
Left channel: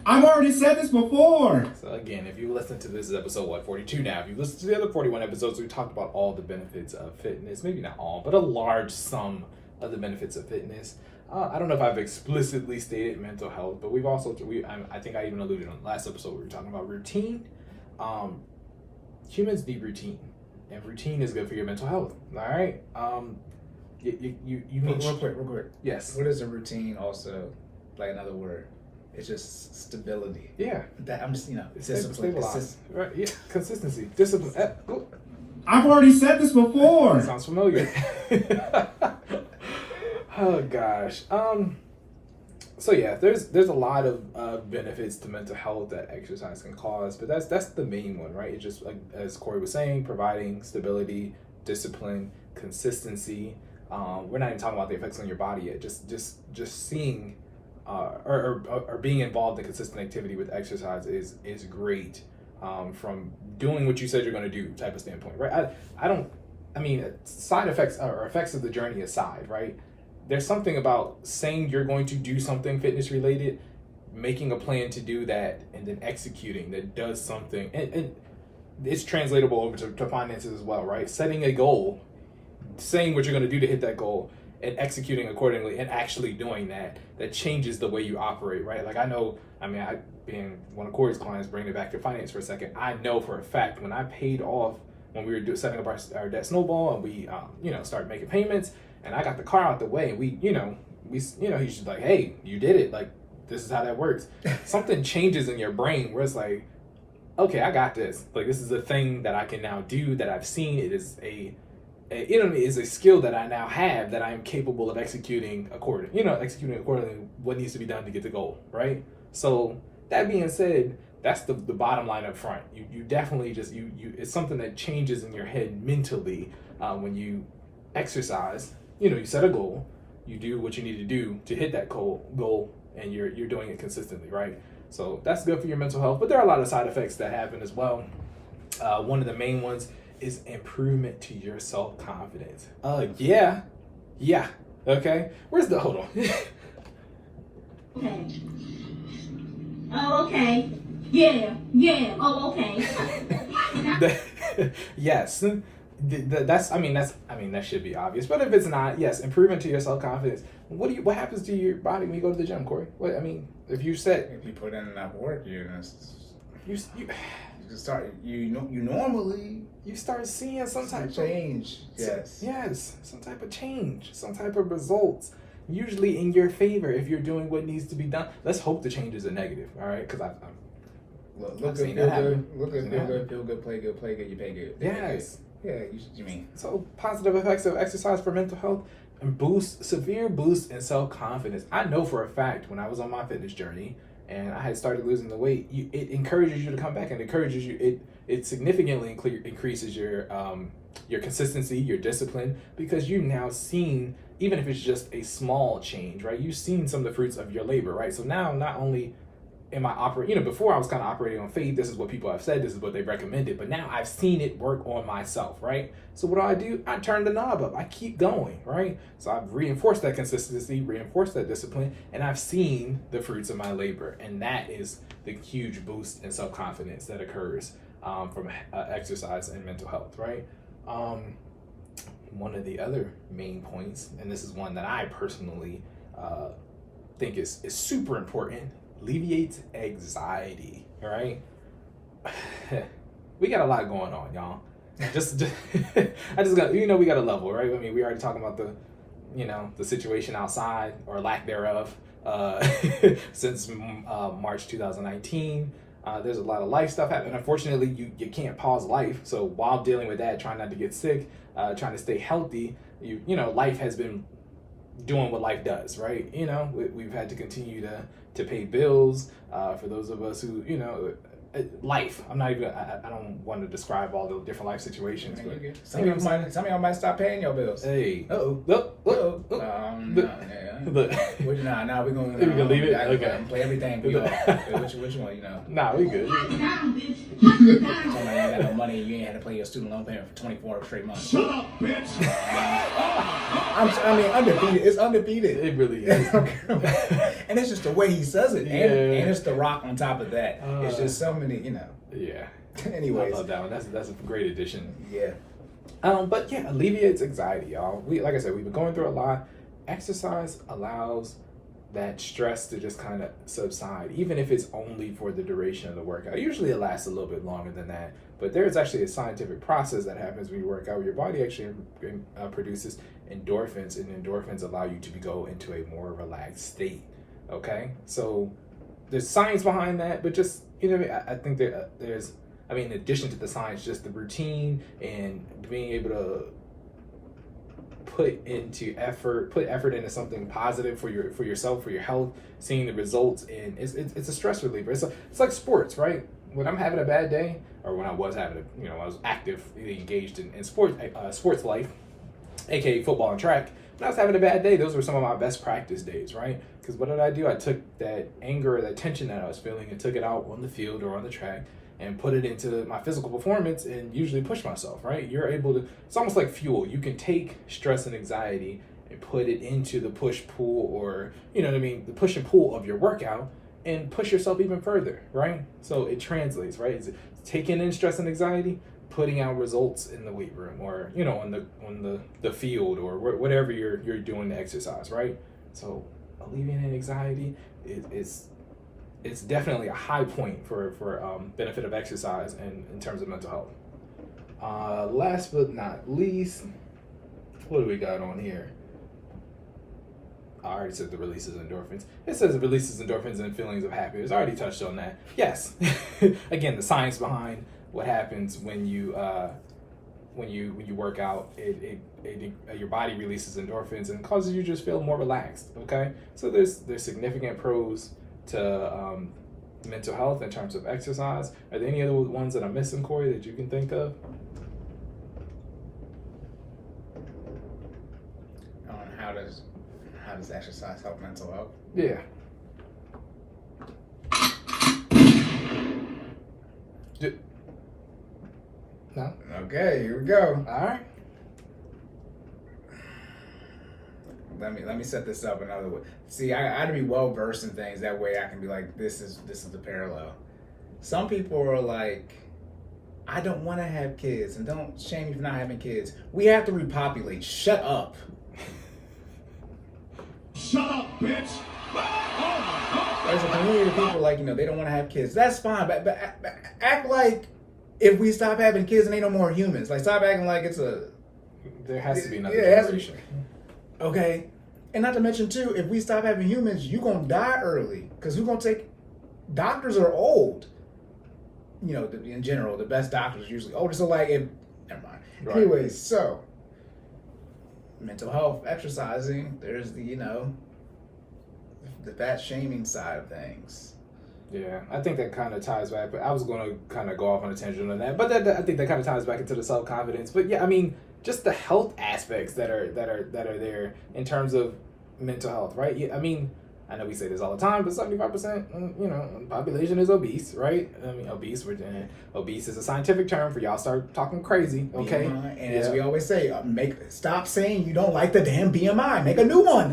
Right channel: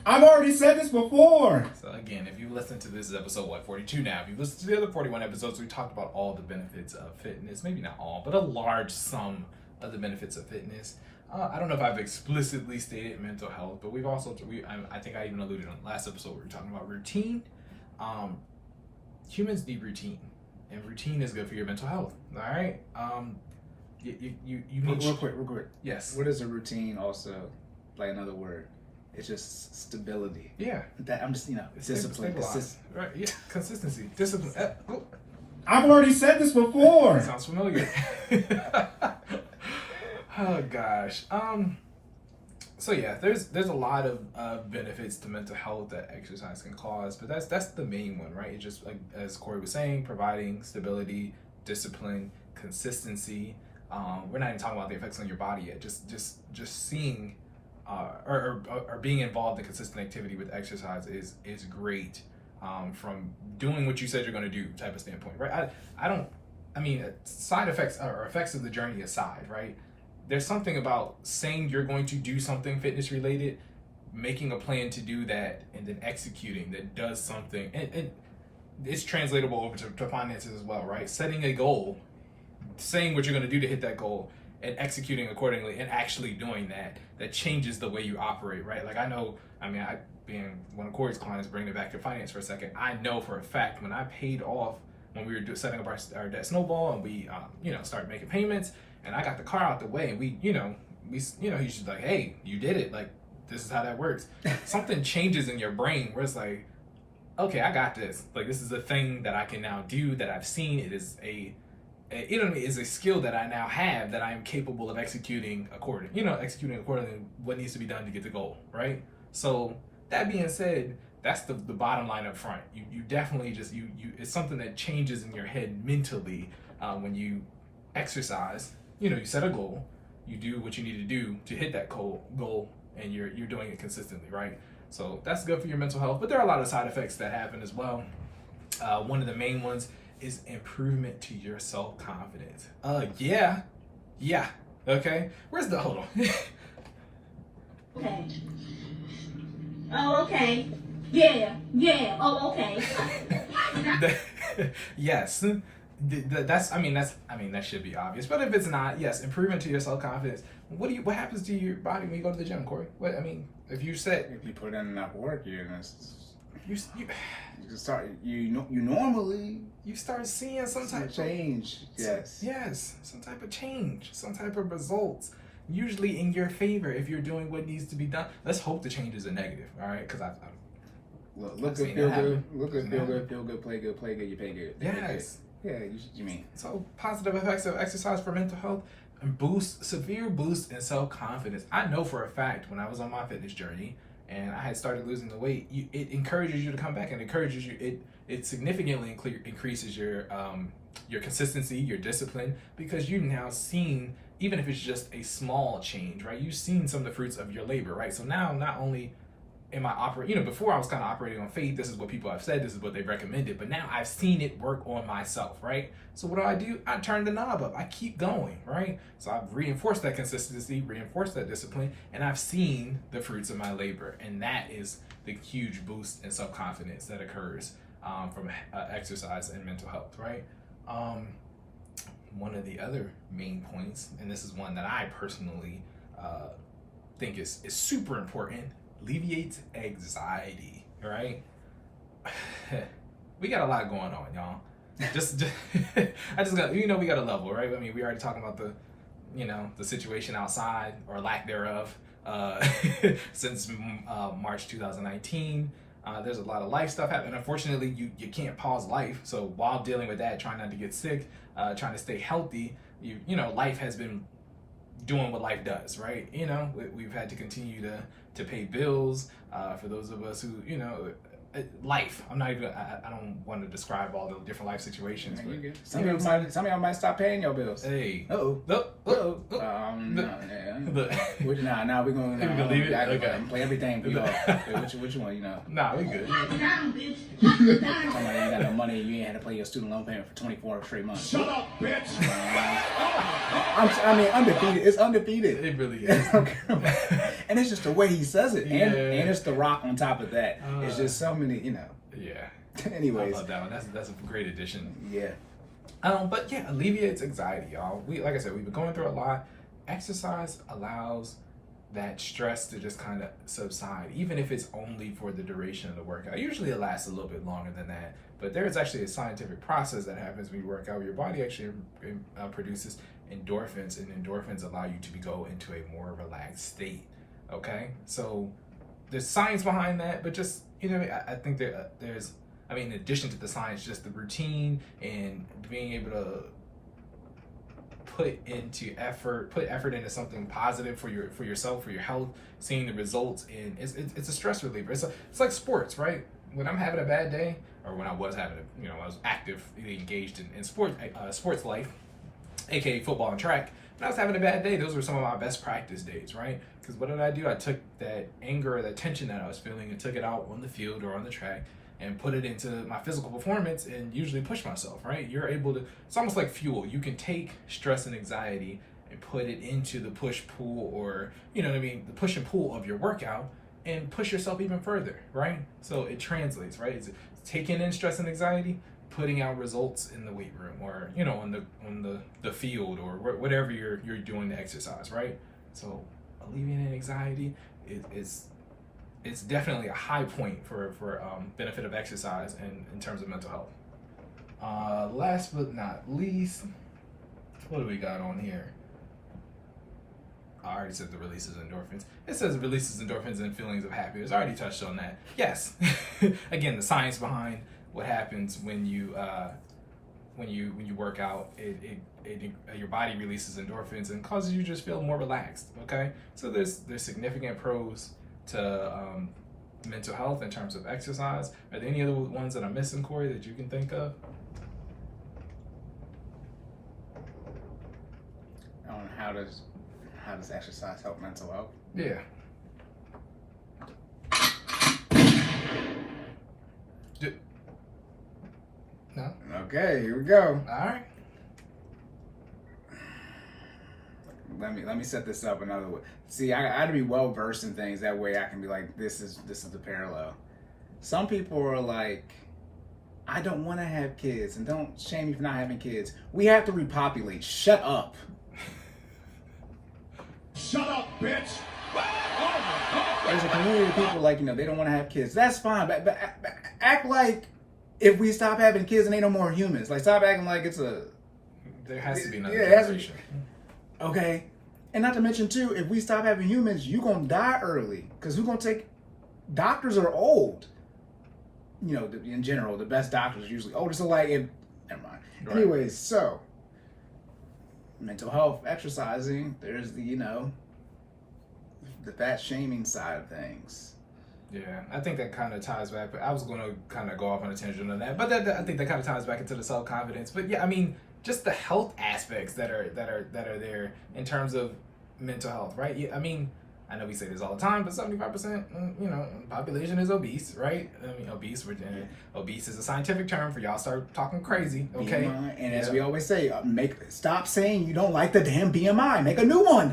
So again, if you listen to this episode 42 now, if you listen to the other 41 episodes, we talked about all the benefits of fitness. Maybe not all, but a large sum of the benefits of fitness. I don't know if I've explicitly stated mental health, but we've also I think I even alluded on the last episode where we were talking about routine. Humans need routine, and routine is good for your mental health. All right. You need real quick. Yes. What is a routine? Also, like another word. It's just stability. Yeah. That I'm just discipline. Stabilize. Right. Yeah. Consistency. Discipline. I've already said this before. Sounds familiar. Oh gosh. So yeah, there's a lot of benefits to mental health that exercise can cause, but that's the main one, right? It's just like as Cory was saying, providing stability, discipline, consistency. We're not even talking about the effects on your body yet. Just seeing or being involved in consistent activity with exercise is great. From doing what you said you're going to do type of standpoint, right? I mean, side effects or effects of the journey aside, right? There's something about saying you're going to do something fitness related, making a plan to do that, and then executing that does something. And it's translatable over to finances as well, right? Setting a goal, saying what you're going to do to hit that goal, and executing accordingly, and actually doing that changes the way you operate, right? Like I being one of Cory's clients, bringing it back to finance for a second, I know for a fact when I paid off, when we were setting up our debt snowball, and we started making payments, and I got the car out the way, and he's just like, hey, you did it, like this is how that works. Something changes in your brain where it's like, okay, I got this. Like this is a thing that I can now do, that I've seen. It is is a skill that I now have, that I am capable of executing accordingly what needs to be done to get the goal, right? So that being said, that's the bottom line up front. You definitely just it's something that changes in your head mentally when you exercise. You set a goal, you do what you need to do to hit that goal, and you're doing it consistently, right? So that's good for your mental health, but there are a lot of side effects that happen as well. One of the main ones is improvement to your self-confidence. Yeah. Okay. Hold on. Okay. Oh, okay. Yeah. Oh, okay. Yes. That should be obvious. But if it's not, yes, improvement to your self-confidence. What happens to your body when you go to the gym, Cory? If you put in enough work, you start. Normally you start seeing some type of change. Yes, some type of change, some type of results. Usually in your favor if you're doing what needs to be done. Let's hope the change is a negative, all right? Because look good, feel good, play good, you pay good. Yes. Yeah, you mean. So positive effects of exercise for mental health and severe boost in self-confidence. I know for a fact when I was on my fitness journey and I had started losing the weight, it encourages you to come back, and encourages you. It significantly increases your consistency, your discipline, because you've now seen, even if it's just a small change, right? You've seen some of the fruits of your labor, right? So now not only am I operating, before I was kind of operating on faith, this is what people have said, this is what they've recommended, but now I've seen it work on myself, right? So what do? I turn the knob up, I keep going, right? So I've reinforced that consistency, reinforced that discipline, and I've seen the fruits of my labor, and that is the huge boost in self-confidence that occurs from exercise and mental health, right? One of the other main points, and this is one that I personally think is super important, alleviates anxiety, all right? We got a lot going on, y'all. We got a level, right? I mean, we already talking about the situation outside, or lack thereof, since March 2019. There's a lot of life stuff happening. Unfortunately, you can't pause life. So while dealing with that, trying not to get sick, trying to stay healthy, life has been doing what life does, right? We've had to continue to pay bills. For those of us who, life. I'm not even. I don't want to describe all the different life situations. Yeah, But some of y'all might stop paying your bills. hey, Uh-oh. Nah, we're gonna leave it. Okay. Play everything for y'all. Which one, Nah, we good. You ain't got no money, you ain't had to pay your student loan payment for 24 straight months. Shut up, bitch. Undefeated. It's undefeated. It really is. And it's just the way he says it. And it's the rock on top of that. It's just so many, Yeah. Anyways. I love that one. That's a great addition. Yeah. But yeah, alleviates anxiety, y'all. Like I said, we've been going through a lot. Exercise allows that stress to just kind of subside, even if it's only for the duration of the workout. Usually it lasts a little bit longer than that, but there's actually a scientific process that happens when you work out. Your body actually produces endorphins, and endorphins allow you to go into a more relaxed state. Okay, so there's science behind that, but just I think there's in addition to the science, just the routine and being able to put effort into something positive for yourself, for your health, seeing the results, and it's a stress reliever. It's like sports, right? When I'm having a bad day, or when I was having I was actively engaged in sports life, aka football and track. When I was having a bad day, those were some of my best practice days, right? Because what did I do? I took that anger or that tension that I was feeling and took it out on the field or on the track and put it into my physical performance and usually push myself, right? You're able to, it's almost like fuel. You can take stress and anxiety and put it into the push-pull, or, the push and pull of your workout, and push yourself even further, right? So it translates, right? It's taking in stress and anxiety, putting out results in the weight room, or, on the field, or whatever you're doing to exercise, right? So alleviating anxiety it's definitely a high point for benefit of exercise and in terms of mental health. Last but not least, what do we got on here? I already said the releases endorphins. It says it releases endorphins and feelings of happiness. I already touched on that. Yes. Again, the science behind what happens when you work out, your body releases endorphins and causes you to just feel more relaxed. Okay, so there's significant pros to mental health in terms of exercise. Are there any other ones that I'm missing, Cory, that you can think of? How does exercise help mental health? Yeah. No? Okay, here we go. All right. Let me set this up another way. See, I got to be well versed in things, that way I can be like, this is the parallel. Some people are like, I don't want to have kids, and don't shame me for not having kids. We have to repopulate. Shut up. Shut up, bitch. There's a community of people like, they don't want to have kids. That's fine, but act like if we stop having kids and ain't no more humans. Like, stop acting like it's a... There has to be another generation. Okay. And not to mention, too, if we stop having humans, you're going to die early. Because who's going to take... Doctors are old. In general, the best doctors are usually older. So, like, never mind. Right. Anyways, so... mental health, exercising, there's the fat shaming side of things. Yeah, I think that kind of ties back, but I was going to kind of go off on a tangent on that, but I think that kind of ties back into the self-confidence. But yeah, just the health aspects that are there in terms of mental health, right? Yeah, I know we say this all the time, but 75%, population is obese, right? Obese. Obese is a scientific term for y'all start talking crazy, okay? BMI, and as we always say, stop saying you don't like the damn BMI. Make a new one.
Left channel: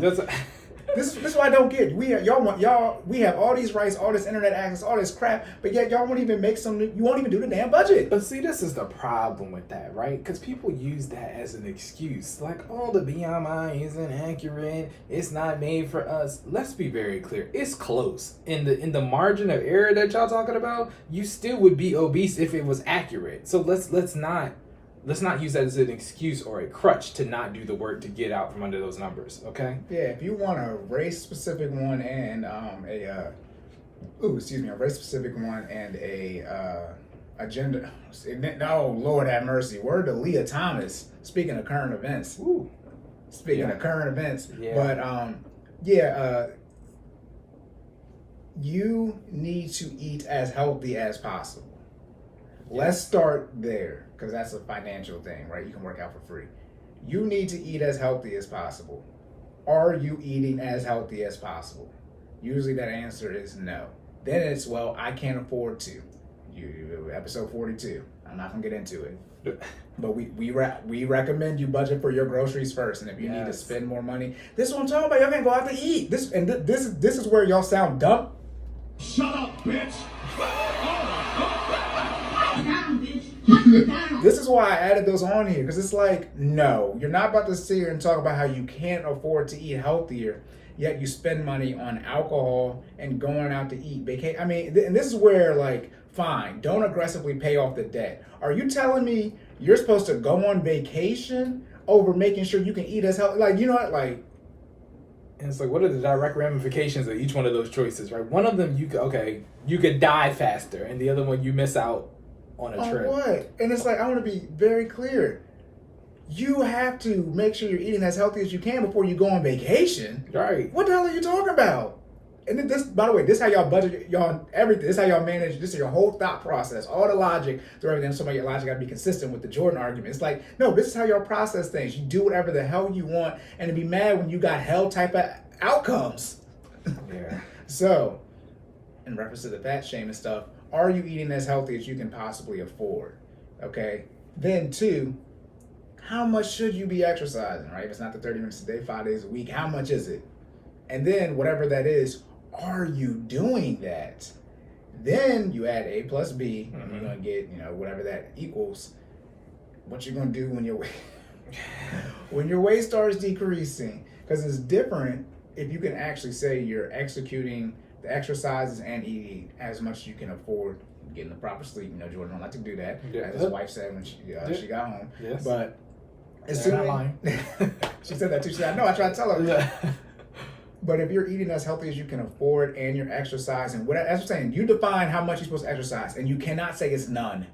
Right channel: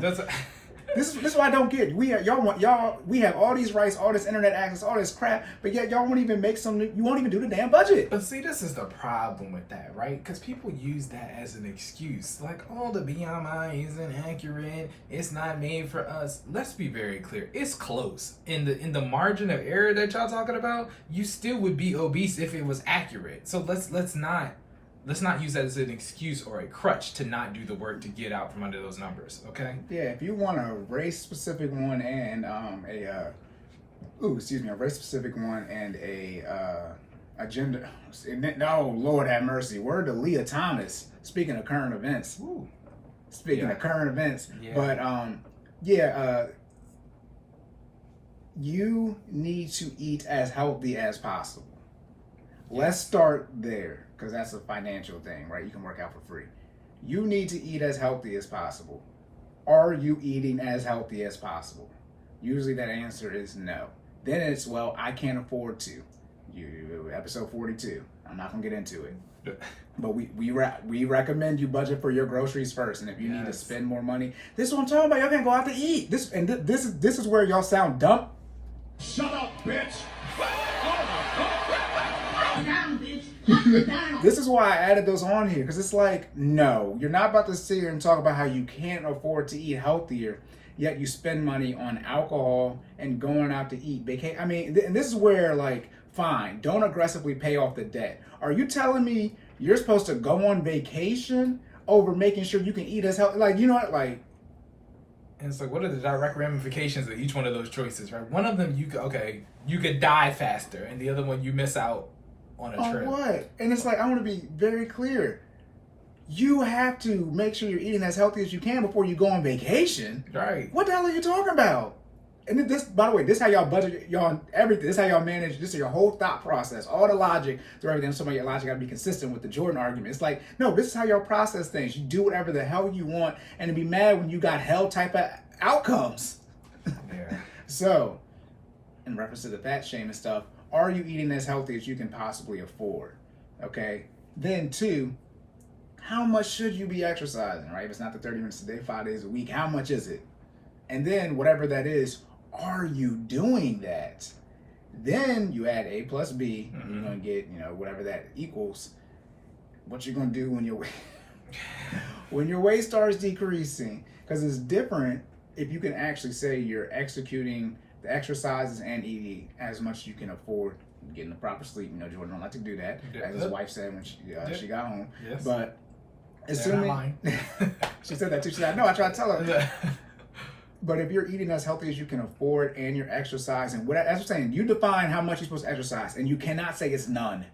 This is what I don't get. We have all these rights, all this internet access, all this crap, but yet y'all won't even you won't even do the damn budget. But see, this is the problem with that, right? Because people use that as an excuse. Like, oh, the BMI isn't accurate. It's not made for us. Let's be very clear. It's close. In the margin of error that y'all talking about, you still would be obese if it was accurate. So let's not use that as an excuse or a crutch to not do the work to get out from under those numbers, okay? Yeah, if you want a race-specific one and a race-specific one and a gender... No, Lord have mercy. Word to Leah Thomas, speaking of current events. Ooh. Speaking of current events. Yeah. But, you need to eat as healthy as possible. Let's start there, because that's a financial thing, right? You can work out for free. You need to eat as healthy as possible. Are you eating as healthy as possible? Usually that answer is no. Then it's, well, I can't afford to. Episode 42. I'm not gonna get into it. But we recommend you budget for your groceries first, and if you need to spend more money, this is what I'm talking about. Y'all can't go out to eat. This is where y'all sound dumb. Shut up, bitch. This is why I added those on here, because it's like, no, you're not about to sit here and talk about how you can't afford to eat healthier, yet you spend money on alcohol and going out to eat. I mean, and this is where, like, fine, don't aggressively pay off the debt. Are you telling me you're supposed to go on vacation over making sure you can eat as healthy? Like, you know what, like. And it's like, what are the direct ramifications of each one of those choices, right? One of them, you could die faster, and the other one, you miss out on a trip. What? And it's like, I want to be very clear. You have to make sure you're eating as healthy as you can before you go on vacation. Right. What the hell are you talking about? And this, by the way, this is how y'all budget y'all everything. This is how y'all manage. This is your whole thought process, all the logic through everything. So your logic got to be consistent with the Jordan argument. It's like, no, this is how y'all process things. You do whatever the hell you want, and to be mad when you got hell type of outcomes. Yeah. So, in reference to the fat shaming stuff, are you eating as healthy as you can possibly afford? Okay. Then 2, how much should you be exercising? Right? If it's not the 30 minutes a day, 5 days a week, how much is it? And then whatever that is, are you doing that? Then you add A plus B, and you're gonna get, whatever that equals. What you're gonna do when your weight starts decreasing, because it's different if you can actually say you're executing the exercises and eating as much as you can afford, getting the proper sleep. Jordan don't like to do that, as his wife said when she got home. Yes. But assuming she said that too. She said, "No, I tried to tell her." But if you're eating as healthy as you can afford and you're exercising, as I'm saying, you define how much you're supposed to exercise, and you cannot say it's none.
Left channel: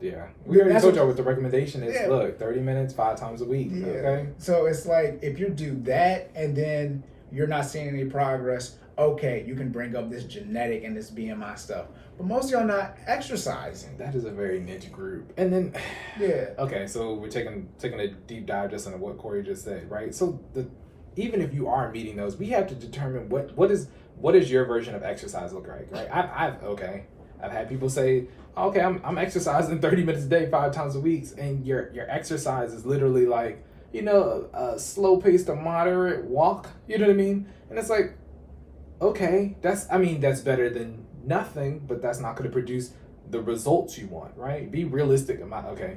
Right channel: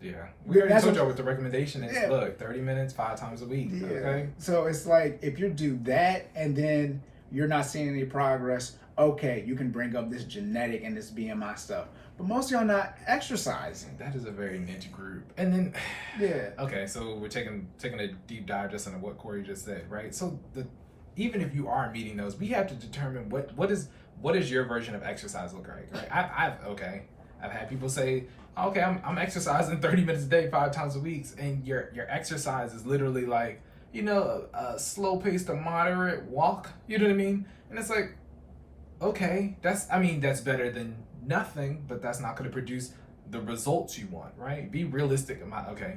Yeah. We already told y'all what the recommendation is. Yeah. Look, 30 minutes, 5 times a week. Yeah. Okay. So it's like, if you do that and then you're not seeing any progress, okay, you can bring up this genetic and this BMI stuff. But most of y'all not exercising. That is a very niche group. And then, yeah. Okay, so we're taking a deep dive just into what Cory just said, right? So even if you are meeting those, we have to determine what is your version of exercise look like, right? I've had people say, okay, I'm exercising 30 minutes a day, 5 times a week, and your exercise is literally like, a slow paced to moderate walk. You know what I mean? And it's like, okay, that's better than nothing, but that's not going to produce the results you want, right? Be realistic.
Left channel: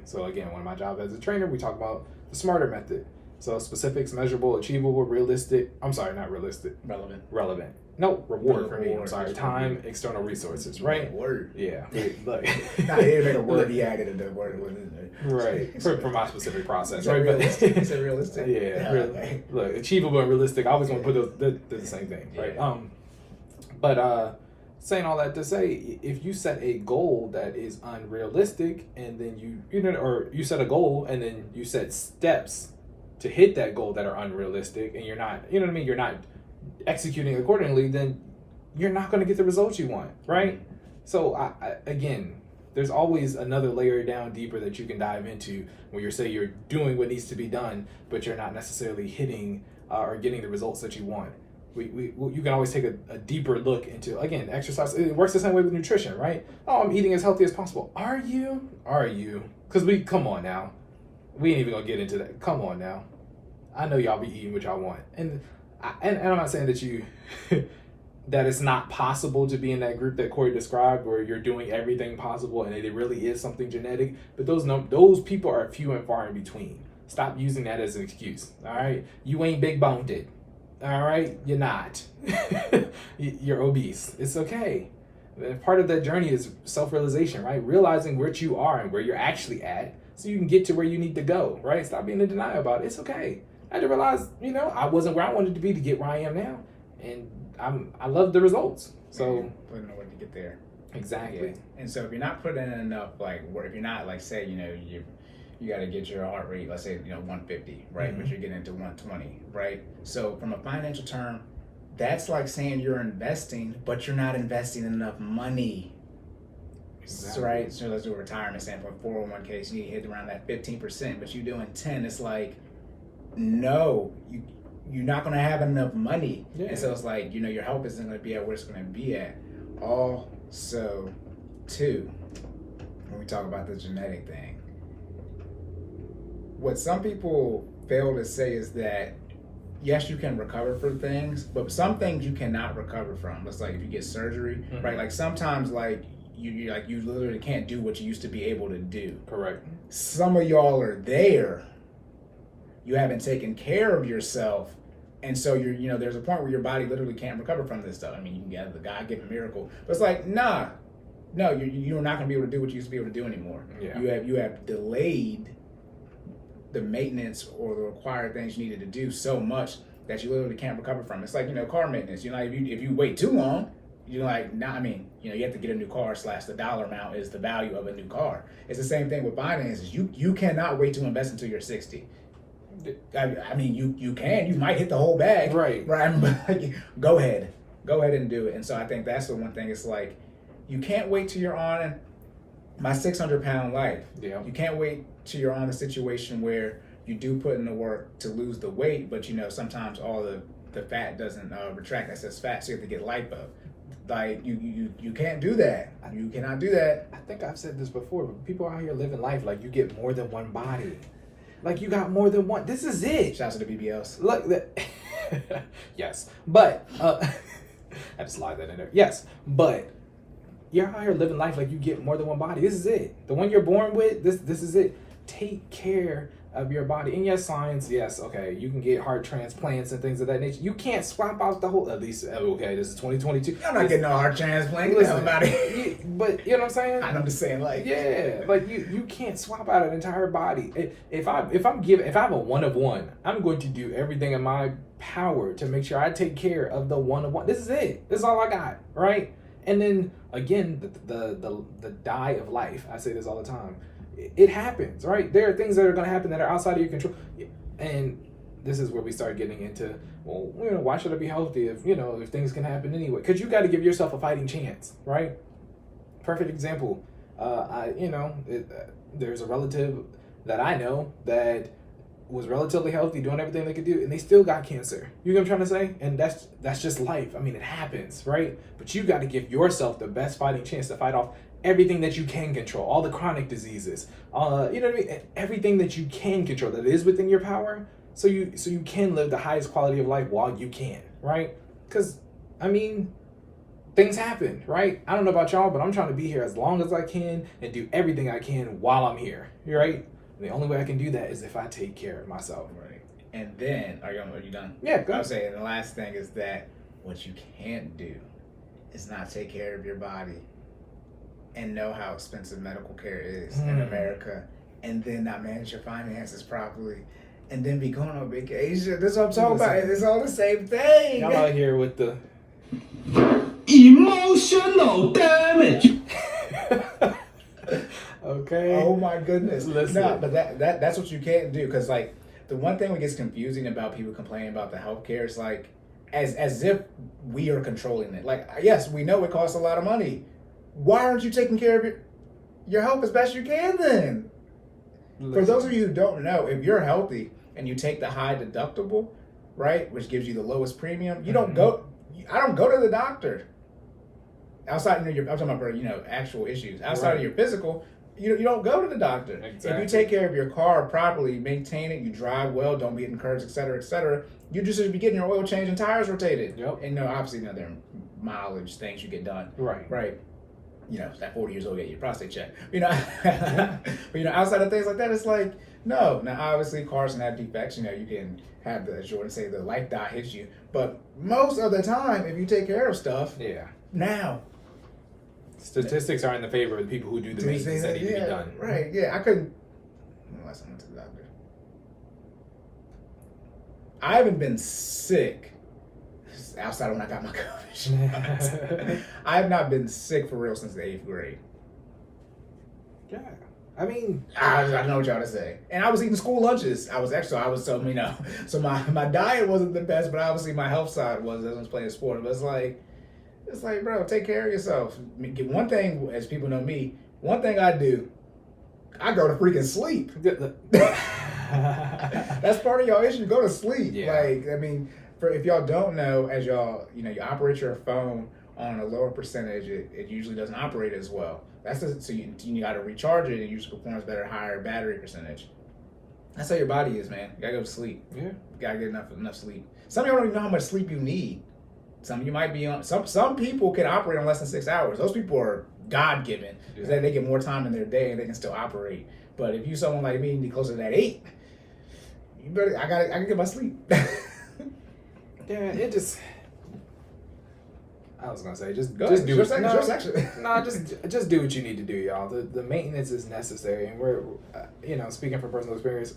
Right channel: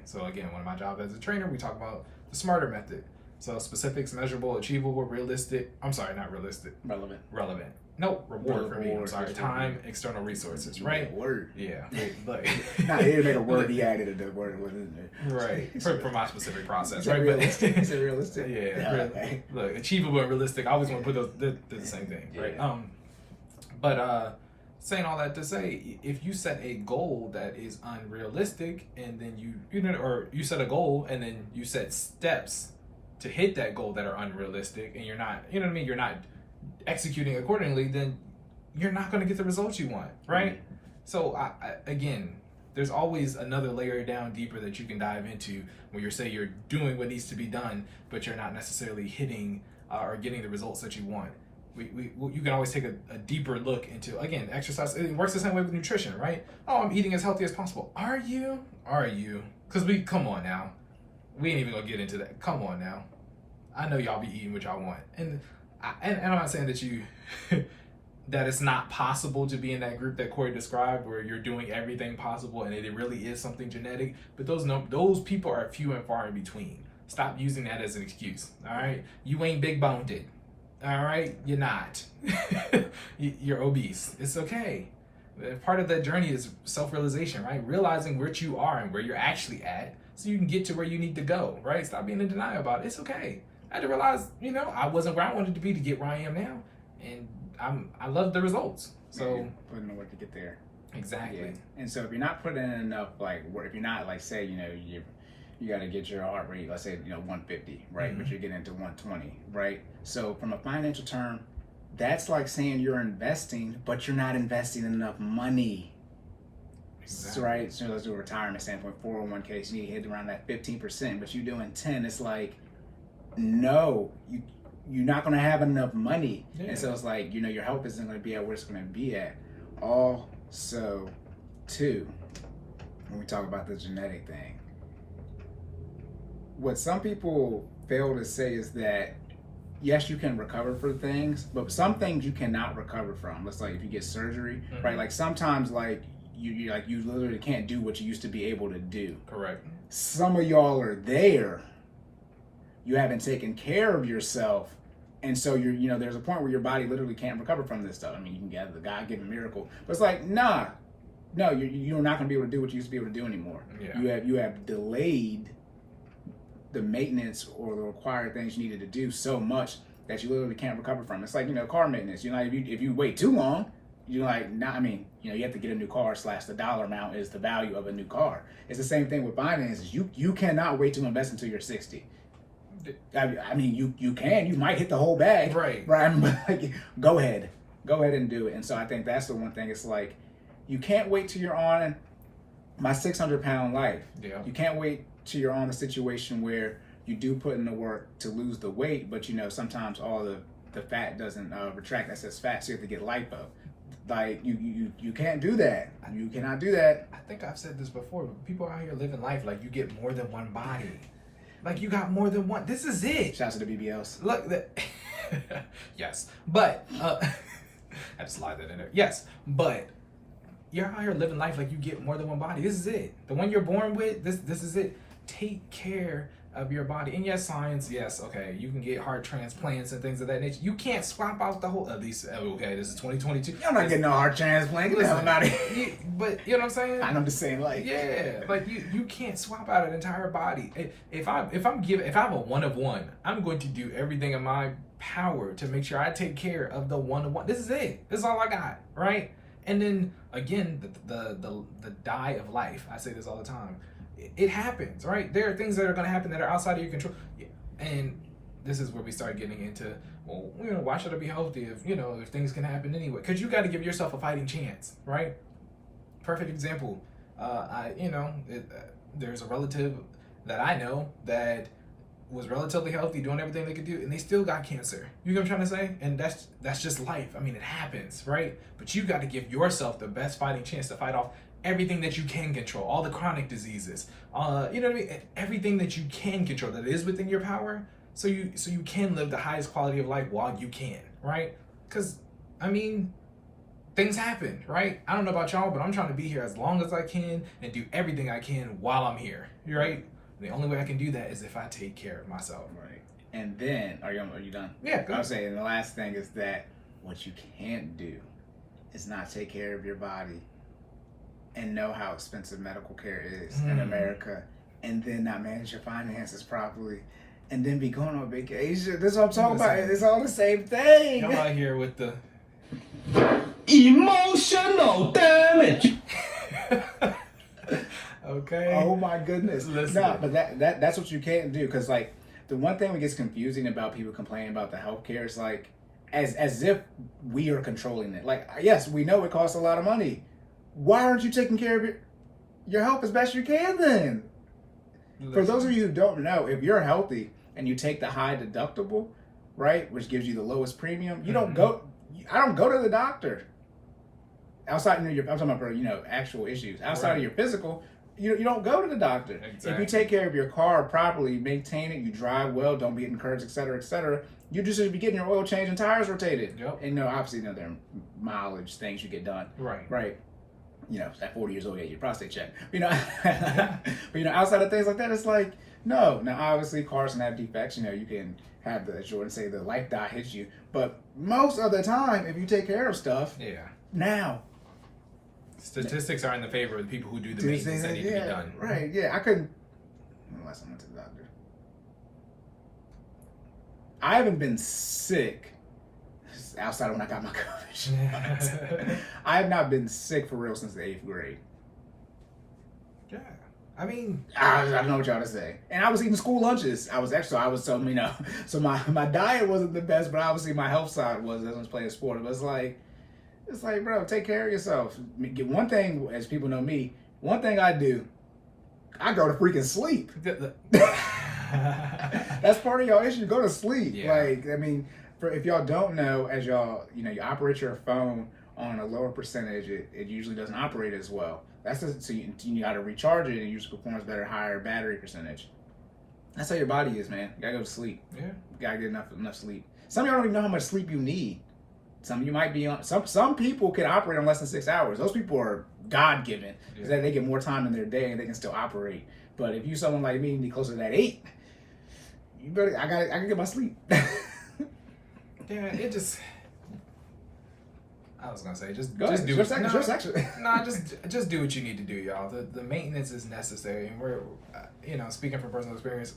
So again, one of my jobs as a trainer, we talk about the SMARTER method. So specifics, measurable, achievable, realistic. I'm sorry, not realistic. Relevant. No, reward for me. I'm sorry. Time, external resources, right? Word. Yeah. Look. Nah, he didn't make a word. He added a word. Right. For my specific process, right? Realistic. He said realistic. Yeah. Okay. Look, achievable and realistic. I always want to put those. They're the same thing, right? But saying all that to say, if you set a goal that is unrealistic, and then you set a goal and then you set steps to hit that goal that are unrealistic, and you're not, you're not executing accordingly, then you're not going to get the results you want, right? So again, there's always another layer down deeper that you can dive into where you're doing what needs to be done, but you're not necessarily hitting or getting the results that you want. You can always take a deeper look into, again, exercise. It works the same way with nutrition, right? Oh, I'm eating as healthy as possible. Are you? Because come on now. We ain't even gonna get into that. Come on now. I know y'all be eating what y'all want. And I'm not saying that that it's not possible to be in that group that Cory described where you're doing everything possible and it really is something genetic, but those people are few and far in between. Stop using that as an excuse, all right? You ain't big boned, all right? You're not. You're obese. It's okay. Part of that journey is self-realization, right? Realizing what you are and where you're actually at so you can get to where you need to go, right? Stop being in denial about it. It's okay. I had to realize, I wasn't where I wanted to be to get where I am now. And I love the results. So putting in work to get there. Exactly. Yeah. And so if you're not putting in enough work, if you're not say, you got to get your heart rate, let's say, 150, right? Mm-hmm. But you're getting into 120, right? So from a financial term, that's like saying you're investing, but you're not investing enough money. Exactly. Right? So let's do a retirement standpoint. 401k, so you hit around that 15%, but you're doing 10. It's like, no, you're not going to have enough money. Yeah. And so it's like, your health isn't going to be at where it's going to be at. Also, too, when we talk about the genetic thing, what some people fail to say is that, yes, you can recover for things, but some things you cannot recover from. It's like if you get surgery, right? Like sometimes, like you literally can't do what you used to be able to do. Correct. Some of y'all are there. You haven't taken care of yourself, and so there's a point where your body literally can't recover from this stuff. I mean, you can get the God-given miracle, but it's like, no, you're not going to be able to do what you used to be able to do anymore. Yeah. You have delayed the maintenance or the required things you needed to do so much that you literally can't recover from. It's like, car maintenance. If you wait too long, you have to get a new car / the dollar amount is the value of a new car. It's the same thing with finances. You cannot wait to invest until you're 60. I mean, you can. You might hit the whole bag. Right. But go ahead and do it. And so I think that's the one thing. It's like, you can't wait till you're on my 600-pound life. Yeah. You can't wait till you're on the situation where you do put in the work to lose the weight, but sometimes all the fat doesn't retract. That says fat, so you have to get lipo. Like you can't do that. You cannot do that. I think I've said this before, but people out here living life like you get more than one body. Like you got more than one. This is it. Shouts to the BBLs. Look, yes, but I have to slide that in there. Yes, but you're out here living life like you get more than one body. This is it. The one you're born with. This is it. Take care of your body. And yes, science, yes, okay, you can get heart transplants and things of that nature. You can't swap out the whole, at least, okay, this is 2022. You're not getting a heart transplant. Listen, about it. But you know what I'm saying? I'm just saying, like, yeah, like you can't swap out an entire body. If I have a 1 of 1, I'm going to do everything in my power to make sure I take care of the 1 of 1. This is it. This is all I got, right? And then again, the die of life. I say this all the time. It happens, right? There are things that are going to happen that are outside of your control. And this is where we start getting into, well, why should I be healthy if things can happen anyway? Because you got to give yourself a fighting chance, right? Perfect example. There's a relative that I know that was relatively healthy, doing everything they could do, and they still got cancer. You know what I'm trying to say? And that's just life. I mean, it happens, right? But you got to give yourself the best fighting chance to fight off everything that you can control, all the chronic diseases, you know what I mean? Everything that you can control that is within your power, so you can live the highest quality of life while you can, right? Because, I mean, things happen, right? I don't know about y'all, but I'm trying to be here as long as I can and do everything I can while I'm here, right? The only way I can do that is if I take care of myself. Right. And then, are you done? Yeah, go ahead. I was saying, the last thing is that what you can't do is not take care of your body and know how expensive medical care is in America, and then not manage your finances properly, and then be going on vacation. This is what I'm talking about. It's all the same thing. Y'all out here with the emotional damage. okay. Oh my goodness. Listen. No, but that's what you can't do, because like the one thing that gets confusing about people complaining about the healthcare is like as if we are controlling it. Like, yes, we know it costs a lot of money. Why aren't you taking care of your health as best you can then? Listen. For those of you who don't know, if you're healthy and you take the high deductible, right, which gives you the lowest premium, you don't go. I don't go to the doctor. Outside, I'm talking about actual issues. Outside of your physical, you don't go to the doctor. Exactly. If you take care of your car properly, maintain it, you drive well, don't be hitting curbs, et cetera, you just should be getting your oil changed and tires rotated. Yep. And obviously, there are mileage things you get done. Right. At 40 years old, you get your prostate checked. But outside of things like that, it's like, no. Now, obviously, cars can have defects. You can have the, as Jordan say, the life dot hits you. But most of the time, if you take care of stuff, now. Statistics are in the favor of the people who do the maintenance that need to be done. Right, yeah. I couldn't, unless I went to the doctor. I haven't been sick outside of when I got my COVID shots. I have not been sick for real since the 8th grade. Yeah. I mean, I don't know what y'all to say. And I was eating school lunches. I was so so my diet wasn't the best, but obviously my health side was as I was playing sports. But it's like, bro, take care of yourself. One thing, as people know me, one thing I do, I go to freaking sleep. That's part of y'all issue. Go to sleep. Yeah. Like, I mean, if y'all don't know, as y'all, you operate your phone on a lower percentage, it usually doesn't operate as well. So you got to recharge it and usually performs better, higher battery percentage. That's how your body is, man. You gotta go to sleep. Yeah. You gotta get enough sleep. Some of y'all don't even know how much sleep you need. Some of you might be on. Some people can operate on less than 6 hours. Those people are God given because they get more time in their day and they can still operate. But if you someone like me, you need closer to that 8. You better. I can get my sleep. Yeah, it just. I was gonna say just Go just ahead. do Your it. section, No, your section. nah, just do what you need to do, y'all. The maintenance is necessary, and we're speaking from personal experience.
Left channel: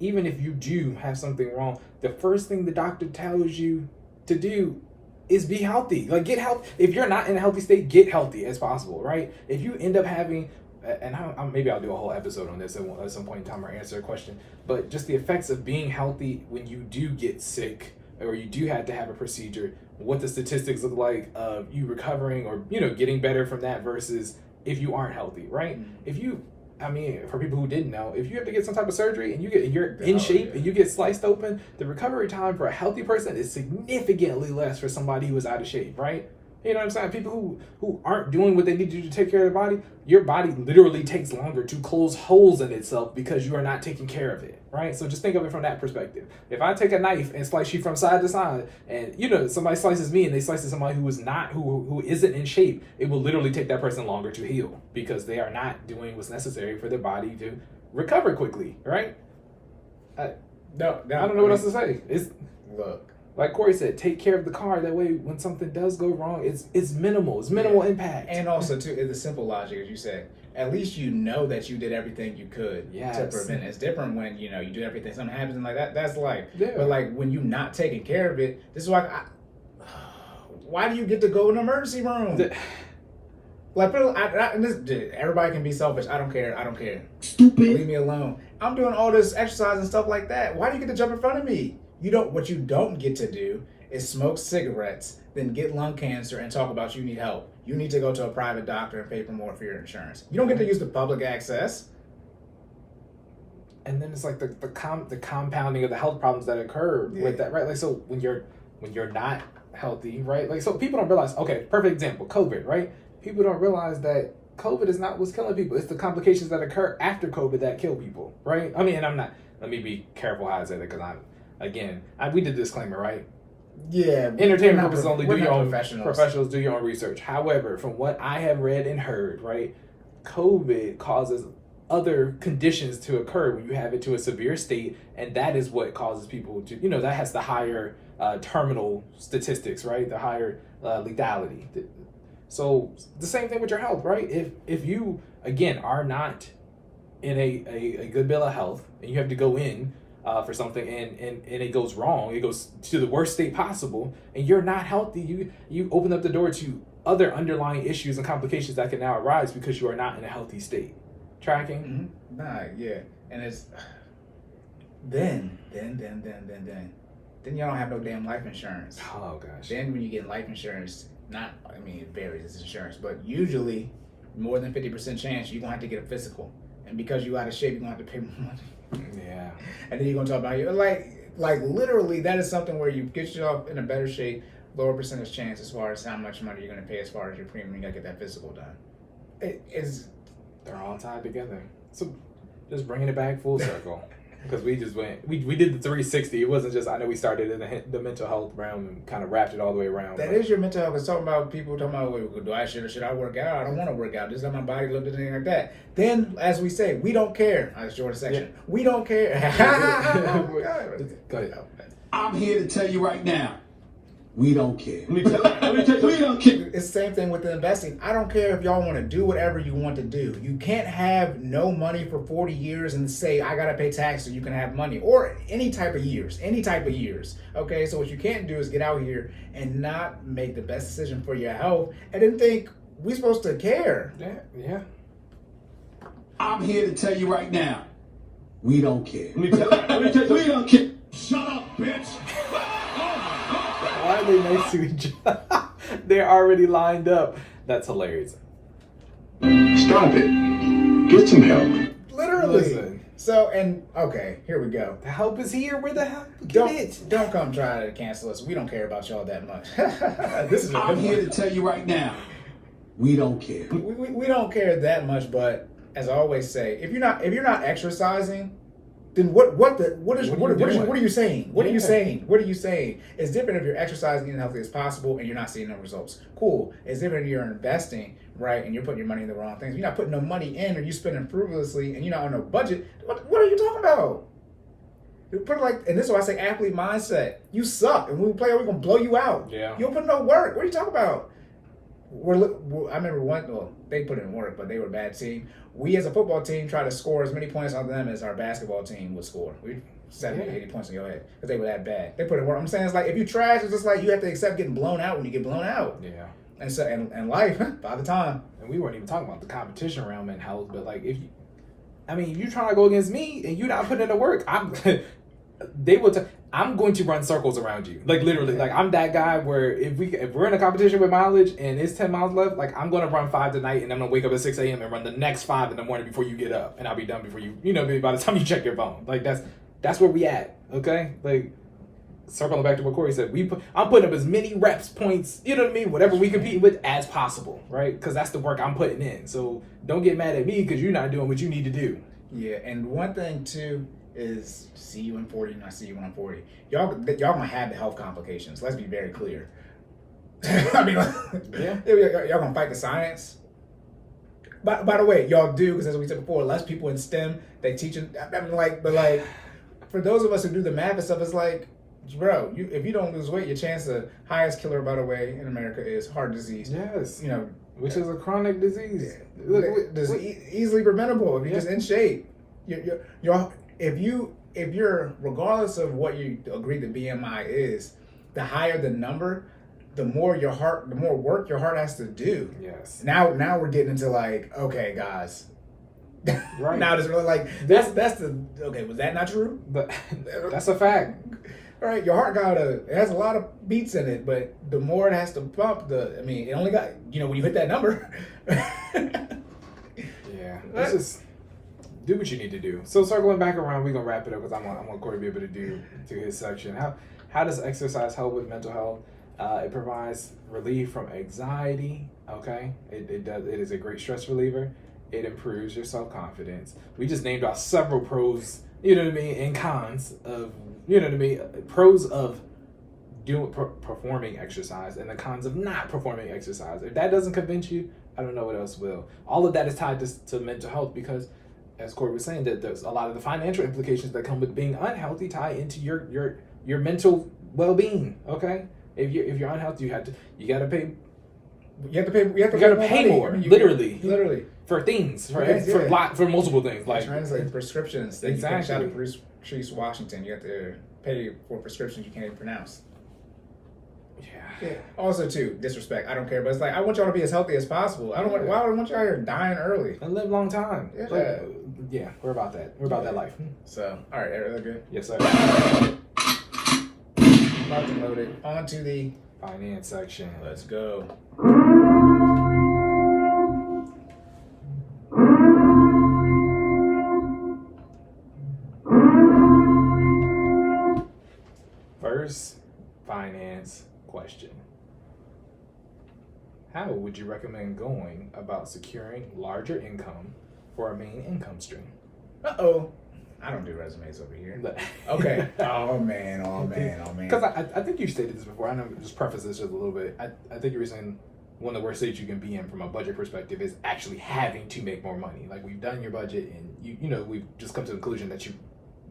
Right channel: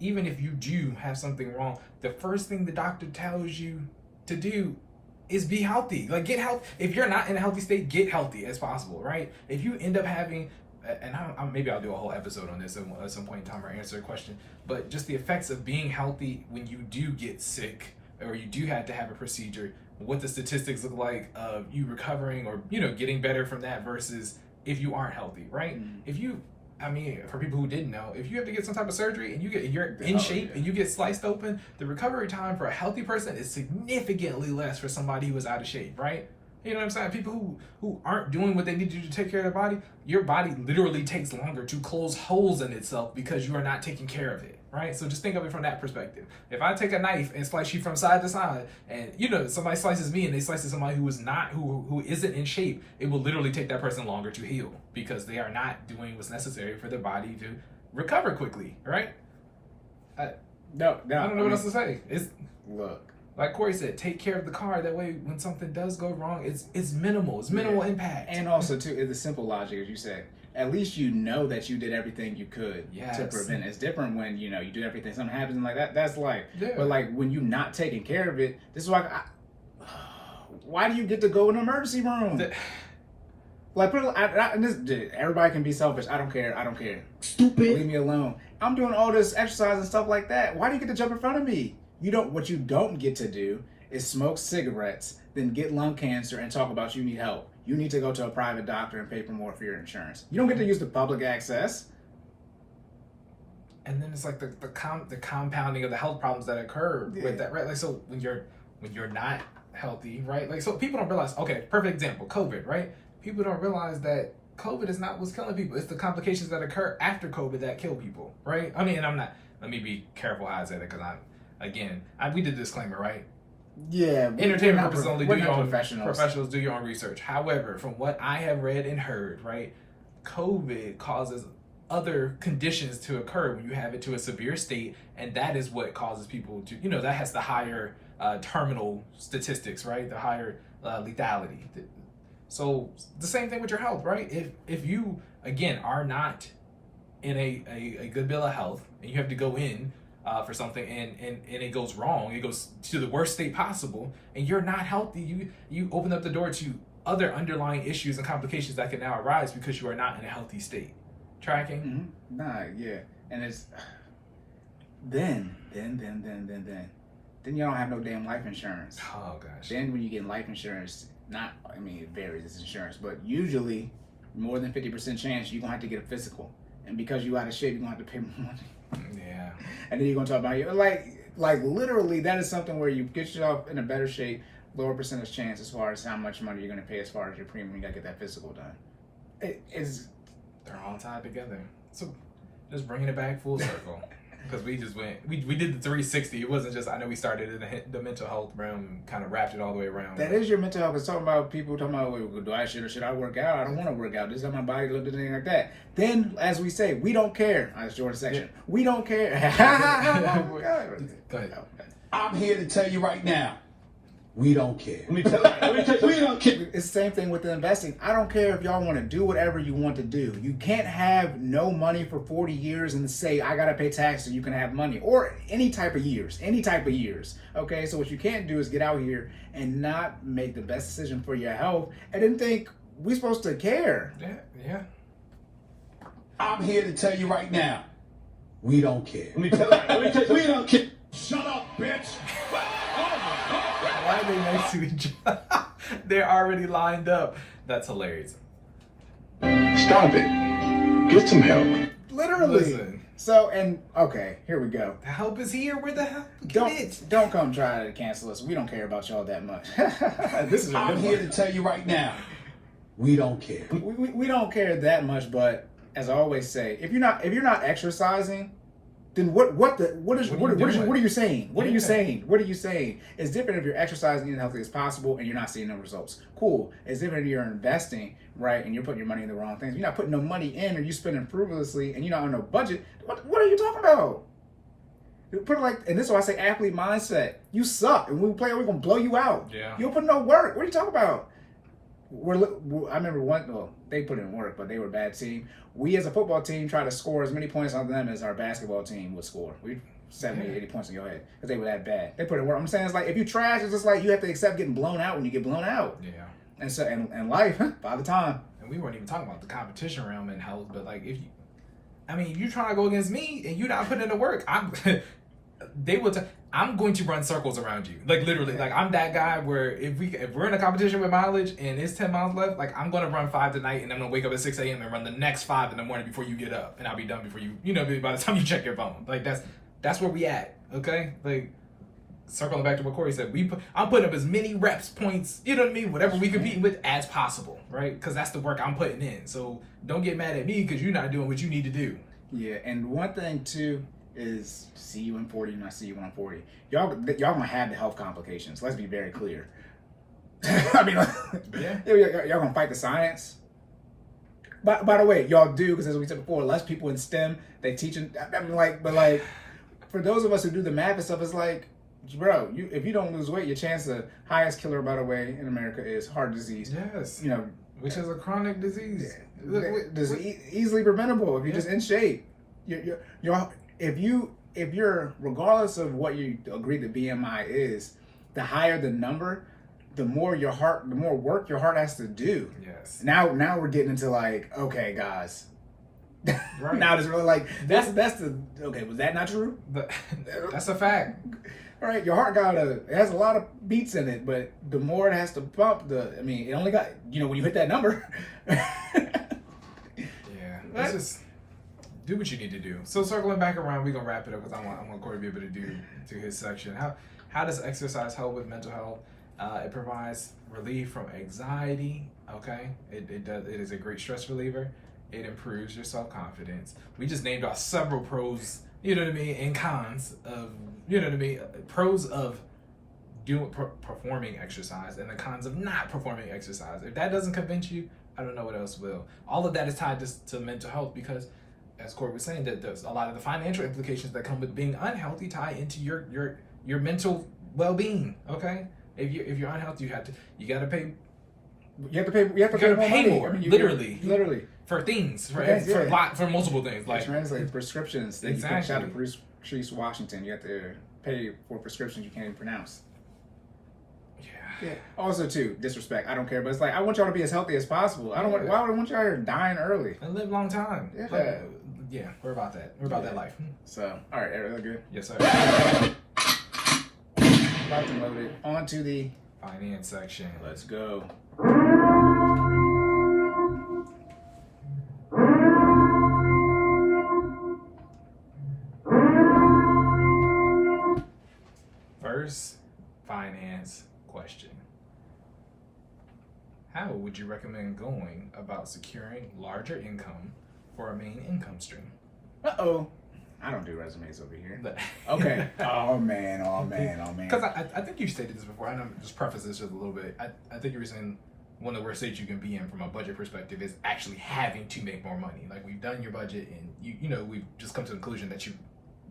Even if you do have something wrong, the first thing the doctor tells you to do is be healthy. Like, get health. If you're not in a healthy state, get healthy as possible, right? If you end up having, and maybe I'll do a whole episode on this at some point in time or answer a question, but just the effects of being healthy when you do get sick or you do have to have a procedure, what the statistics look like of you recovering or, getting better from that versus if you aren't healthy, right? Mm-hmm. For people who didn't know, if you have to get some type of surgery and you're in shape and you get sliced open, the recovery time for a healthy person is significantly less for somebody who is out of shape, right? You know what I'm saying? People who aren't doing what they need to do to take care of their body, your body literally takes longer to close holes in itself because you are not taking care of it, right? So just think of it from that perspective. If I take a knife and slice you from side to side, and somebody slices me and they slice somebody who isn't in shape, it will literally take that person longer to heal because they are not doing what's necessary for their body to recover quickly, right? I don't know what else to say. Look. Like Cory said, take care of the car. That way, when something does go wrong, it's minimal. It's minimal impact. And also, too, the simple logic, as you said, at least you know that you did everything you could to prevent it. It's different when, you do everything, something happens and like that. That's life. Yeah. But like when you're not taking care of it, this is why why do you get to go in the emergency room? Everybody can be selfish. I don't care. Stupid. Leave me alone. I'm doing all this exercise and stuff like that. Why do you get to jump in front of me? What you don't get to do is smoke cigarettes, then get lung cancer and talk about you need help. You need to go to a private doctor and pay for more for your insurance. You don't get to use the public access. And then it's like the compounding of the health problems that occur with that, right? Like, so when you're not healthy, right? Like, so people don't realize, okay, perfect example, COVID, right? People don't realize that COVID is not what's killing people. It's the complications that occur after COVID that kill people, right? I mean, let me be careful how I say that because we did the disclaimer, right? Yeah. Entertainment purposes only. Do your own professionals. Do your own research. However, from what I have read and heard, right, COVID causes other conditions to occur when you have it to a severe state, and that is what causes people to, that has the higher terminal statistics, right? The higher lethality. So the same thing with your health, right? If you again are not in a good bill of health and you have to go in for something and it goes wrong, it goes to the worst state possible, and you're not healthy, you open up the door to other underlying issues and complications that can now arise because you are not in a healthy state. Tracking? Mm-hmm. Nah, yeah. And it's then you don't have no damn life insurance. Oh gosh. Then when you get life insurance, it varies, it's insurance, but usually more than 50% chance you're gonna have to get a physical. And because you out of shape, you're gonna have to pay more money. Yeah. And then you're gonna talk about you like literally that is something where you get yourself in a better shape, lower percentage chance as far as how much money you're gonna pay as far as your premium, you gotta get that physical done. They're all tied together. So just bringing it back full circle. Because we just went, we did the 360. It wasn't just, I know we started in the mental health realm and kind of wrapped it all the way around. That is your mental health. It's talking about people talking about, do I should I work out? I don't want to work out. This is how my body looks, anything like that. Then, as we say, we don't care. That's Jordan's section. Yeah. We don't care. Go ahead. I'm here to tell you right now, we don't care. Let me tell you, we don't care. It's the same thing with the investing. I don't care if y'all want to do whatever you want to do. You can't have no money for 40 years and say, I got to pay tax so you can have money. Or any type of years. Okay, so what you can't do is get out here and not make the best decision for your health and then think we're supposed to care. Yeah. I'm here to tell you right now, we don't care. Let me tell you, we don't care. Shut up, bitch. Why are they next to each other? They're already lined up. That's hilarious. Stop it. Get some help. Literally. Listen. So, and okay, here we go. The help is here. Where the hell? Get it. Don't come try to cancel us. We don't care about y'all that much. This is I'm here to tell you right now, we don't care. we don't care that much, but as I always say, if you're not exercising, then what are you saying? What are you saying? What are you saying? It's different if you're exercising as healthy as possible and you're not seeing no results. Cool. It's different if you're investing, right, and you're putting your money in the wrong things. You're not putting no money in, or you spending frivolously, and you're not on no budget. What are you talking about? Put it like, and this is why I say athlete mindset. You suck, and when we play, we're gonna blow you out. Yeah. You don't put no work. What are you talking about? I remember they put in work, but they were a bad team. We as a football team try to score as many points on them as our basketball team would score. We 70, 80 points in your head because they were that bad. They put in work. I'm saying it's like if you trash, it's just like you have to accept getting blown out when you get blown out. Yeah. And so and life by the time. And we weren't even talking about the competition realm and health, but like if you trying to go against me and you're not putting in the work, I'm going to run circles around you. Like literally, like I'm that guy where if we're in a competition with mileage and it's 10 miles left, like I'm gonna run 5 tonight and I'm gonna wake up at 6 a.m. and run the next 5 in the morning before you get up, and I'll be done before by the time you check your phone. Like that's where we at. Okay, like circling back to what Cory said, I'm putting up as many reps, points, you know what I mean, whatever we compete with as possible, right? Because that's the work I'm putting in. So don't get mad at me because you're not doing what you need to do. Yeah, and one thing too is see you in 40 and I see you when I'm 40. Y'all gonna have the health complications. Let's be very clear. I mean, y'all gonna fight the science. By the way, y'all do, because as we said before, less people in STEM they teaching. I mean, but for those of us who do the math and stuff, it's like, bro, if you don't lose weight, your chance of highest killer, by the way, in America is heart disease. Yes, which is a chronic disease. Easily preventable if you're just in shape. If you're regardless of what you agree the BMI is, the higher the number, the more work your heart has to do. Yes. Now we're getting into like, okay, guys. Right. Now it's really like that's the okay. Was that not true? That's a fact. All right, your heart it has a lot of beats in it, but the more it has to pump, it only got when you hit that number. Yeah. Let's just do what you need to do. So circling back around, we're gonna wrap it up because I want Cory to be able to do his section. How does exercise help with mental health? It provides relief from anxiety. Okay, it does. It is a great stress reliever. It improves your self-confidence. We just named off several pros, and cons of, pros of performing exercise and the cons of not performing exercise. If that doesn't convince you, I don't know what else will. All of that is tied to mental health because, as Cory was saying, that there's a lot of the financial implications that come with being unhealthy tie into your mental well-being. Okay, if you're unhealthy, you gotta pay. You have to pay more. Literally. For things, for multiple things, like translate prescriptions. That exactly. You can shout at Patrice Washington. You have to pay for prescriptions you can't even pronounce. Yeah. Also, too, disrespect. I don't care, but it's like I want y'all to be as healthy as possible. Why would I want y'all here dying early and live a long time? Yeah. We're about that. We're about that life. So, all right, everything good? Yes, sir. Loaded. On to the finance section. Let's go. First finance question. How would you recommend going about securing larger income for a main income stream? Uh-oh. I don't do resumes over here. Okay. Oh, man. Because I think you've stated this before. I know, just preface this just a little bit. I think you were saying one of the worst states you can be in from a budget perspective is actually having to make more money. Like, we've done your budget and we've just come to the conclusion that you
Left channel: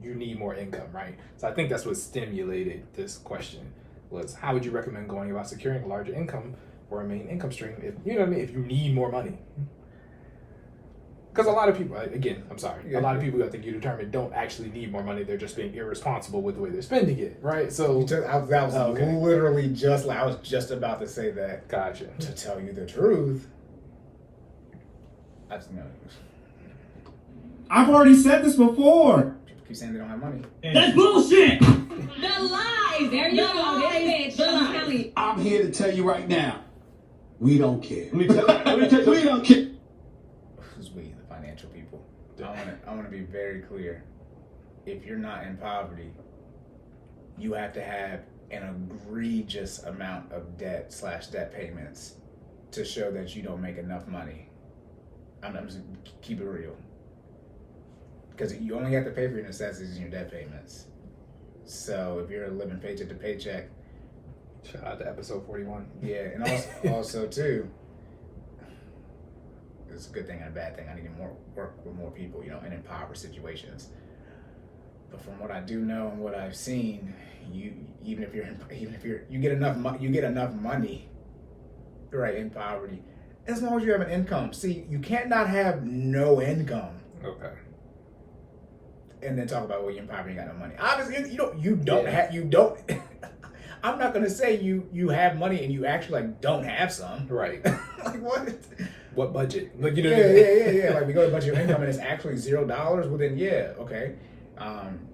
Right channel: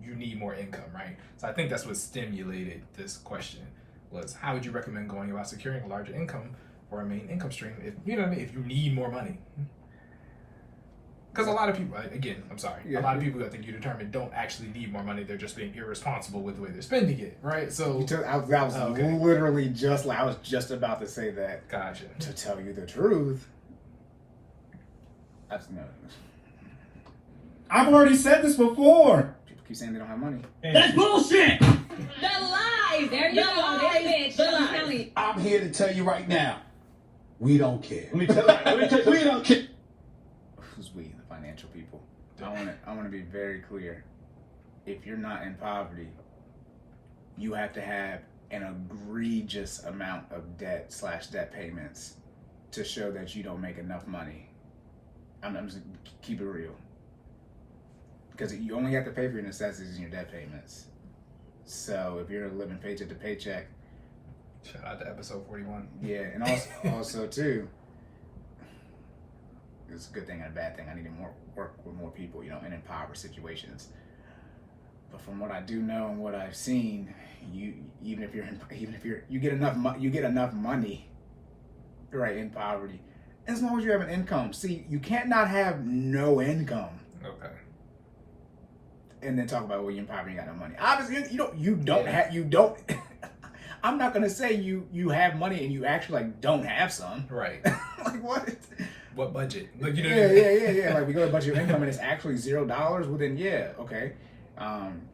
need more income, right? So I think that's what stimulated this question was how would you recommend going about securing a larger income for a main income stream if you need more money? Because a lot of people, again, I'm sorry, a lot of people I think you determine don't actually need more money. They're just being irresponsible with the way they're spending it, right? So I was just about to say that. Gotcha. To tell you the truth, I've already said this before. People keep saying they don't have money. That's bullshit. The lies. There you go. There the lies. I'm here to tell you right now, we don't care. Let me tell you, we don't care. Who's we? The financial people. I want to be very clear. If you're not in poverty, you have to have an egregious amount of debt payments to show that you don't make enough money. I'm just keep it real. Because you only have to pay for your necessities and your debt payments. So if you're living paycheck to paycheck. Shout out to episode 41. Yeah, and also too, it's a good thing and a bad thing. I need to work with more people, in impoverished situations. But from what I do know and what I've seen, you get enough money, right, in poverty, as long as you have an income. See, you can't not have no income. Okay. And then talk about, well, you're in poverty, you got no money. Obviously, you don't. I'm not gonna say you have money and you actually don't have some. Right. Like what? What budget? Like, yeah. Like we go to budget your income and it's actually $0. Well then, yeah, okay. And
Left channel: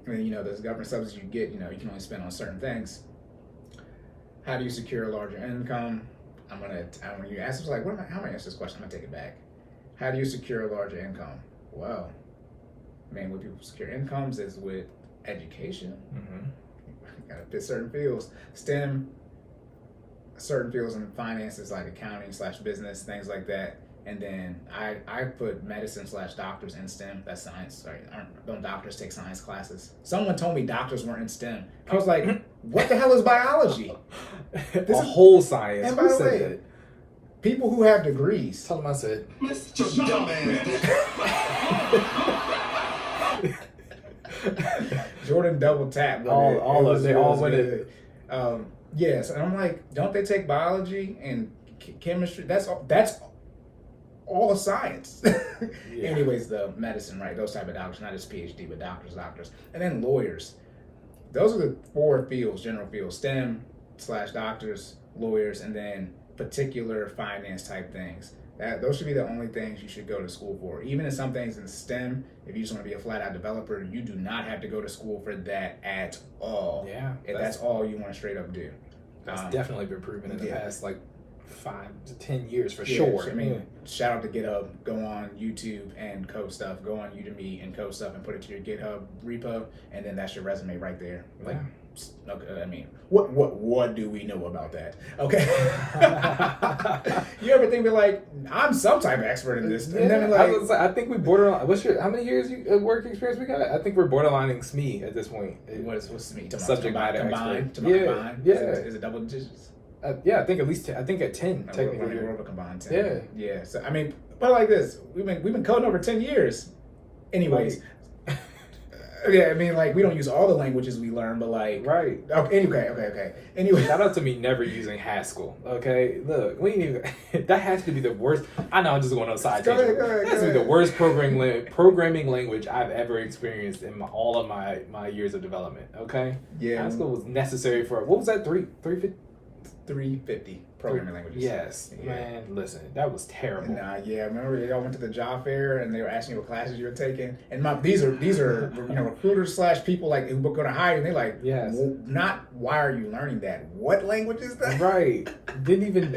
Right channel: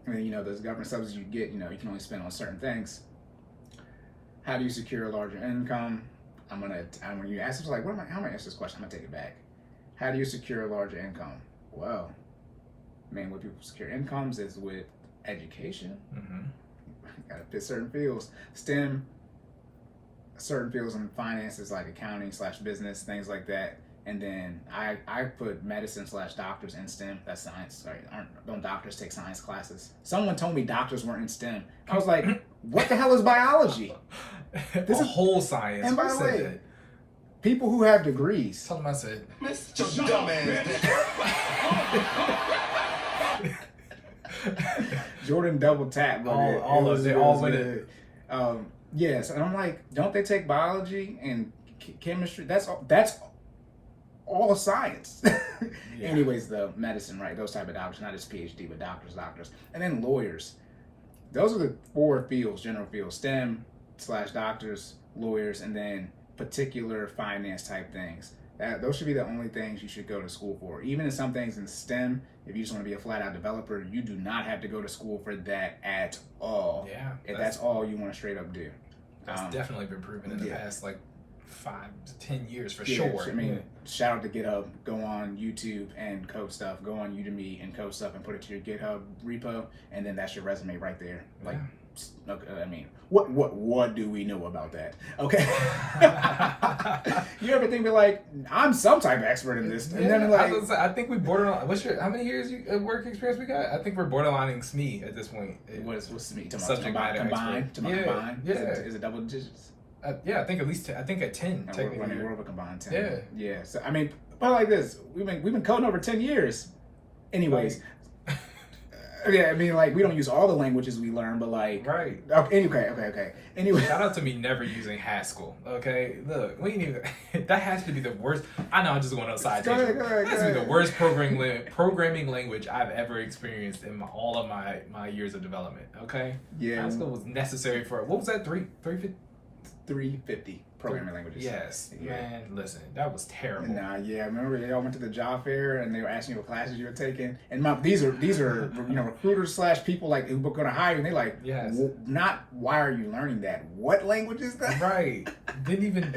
those government subsidies you get, you can only spend on certain things. How do you secure a larger income? When you ask, how am I gonna answer this question? I'm gonna take it back. How do you secure a larger income? Well, when people secure incomes is with education. Mm-hmm. Got to fit certain fields. STEM, certain fields in finances like accounting / business, things like that. And then I put medicine / doctors in STEM. That's science. Right? Don't doctors take science classes? Someone told me doctors weren't in STEM. I was like, what the hell is biology? This is whole science. And by the way, people who have degrees. Tell them I said. Mr. Jordan double tap. They all went it. Yes, and I'm like, don't they take biology and chemistry? That's all science. Yeah. Anyways, the medicine, right? Those type of doctors, not just PhD, but doctors, and then lawyers. Those are the 4 fields, general fields: STEM / doctors, lawyers, and then particular finance type things. Those should be the only things you should go to school for. Even in some things in STEM, if you just want to be a flat-out developer, you do not have to go to school for that at all. Yeah. If that's all you want to straight up do. That's definitely been proven in the past, 5 to 10 years for sure. Shout out to GitHub. Go on YouTube and code stuff. Go on Udemy and code stuff and put it to your GitHub repo, and then that's your resume right there. Okay, what do we know about that? Okay. You ever think I'm some type of expert in this? And then I think we borderline. How many years work experience we got? I think we're borderlining SME at this point. What's SME? Subject matter combined. Combined? Yeah. Is it double digits? Yeah, I think at least. I think at 10. Technically, we're over combined 10. Yeah. So but like this, we've been coding over 10 years. Anyways. Right. Yeah, we don't use all the languages we learn, but right. Okay. Anyway, shout out to me never using Haskell. Okay, look, that has to be the worst. I know I'm just going outside. Go ahead. That's the worst programming language I've ever experienced in all of my years of development. Okay, yeah, Haskell was necessary for what was that 350 programming languages. Yes, yeah. Man, listen, that was terrible. Nah, yeah, remember y'all went to the job fair and they were asking you what classes you were taking, and these are recruiters / people who were going to hire you, and they yes. Not why are you learning that? What language is that? Right. Didn't even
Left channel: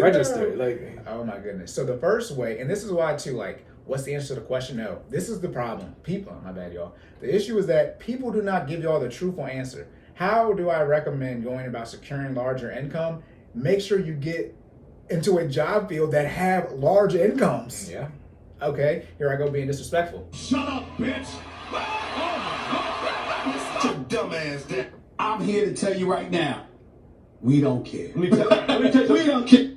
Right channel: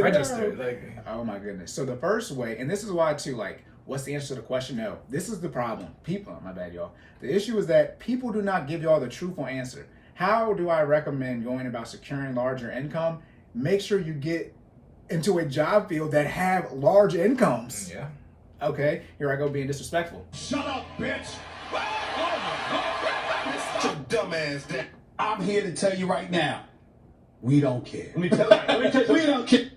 register. Oh my goodness. So the first way, and this is why too, what's the answer to the question? No, this is the problem. My bad, y'all. The issue is that people do not give y'all the truthful answer. How do I recommend going about securing larger income? Make sure you get into a job field that have large incomes. Yeah. Okay, here I go being disrespectful. Shut up, bitch! Your dumb ass there. I'm here to tell you right now, we don't care. Let me tell you, we don't care.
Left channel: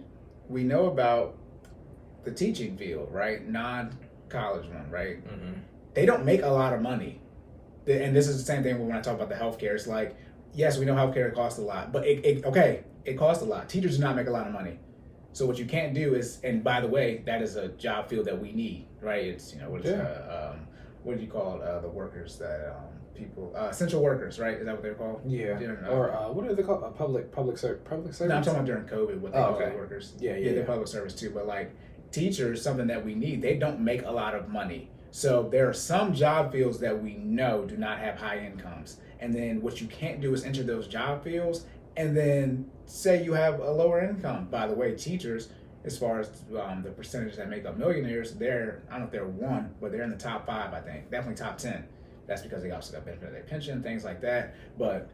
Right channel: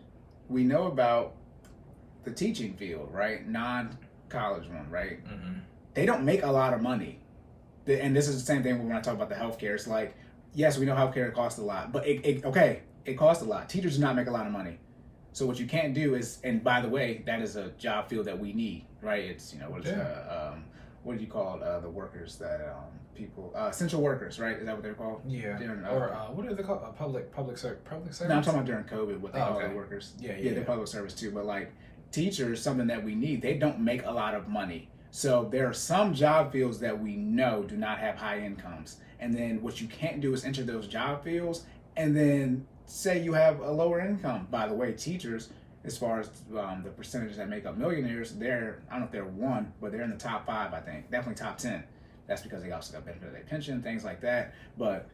We know about the teaching field, right? Non-college one, right? Mm-hmm. They don't make a lot of money. And this is the same thing when I talk about the healthcare. It's yes, we know healthcare costs a lot, but it costs a lot. Teachers do not make a lot of money. So what you can't do is, and by the way, that is a job field that we need, right? It's, what do you call the workers that people, essential workers, right? Is that what they're called? Yeah. Or what are they called? Public service? No, I'm talking about during COVID, what they call workers. Yeah. They're public service too, but teachers, something that we need. They don't make a lot of money. So there are some job fields that we know do not have high incomes. And then what you can't do is enter those job fields and then say you have a lower income. By the way, teachers, as far as the percentage that make up millionaires, I don't know if they're one, but they're in the top 5, I think. Definitely top 10. That's because they also got benefit of their pension, things like that. But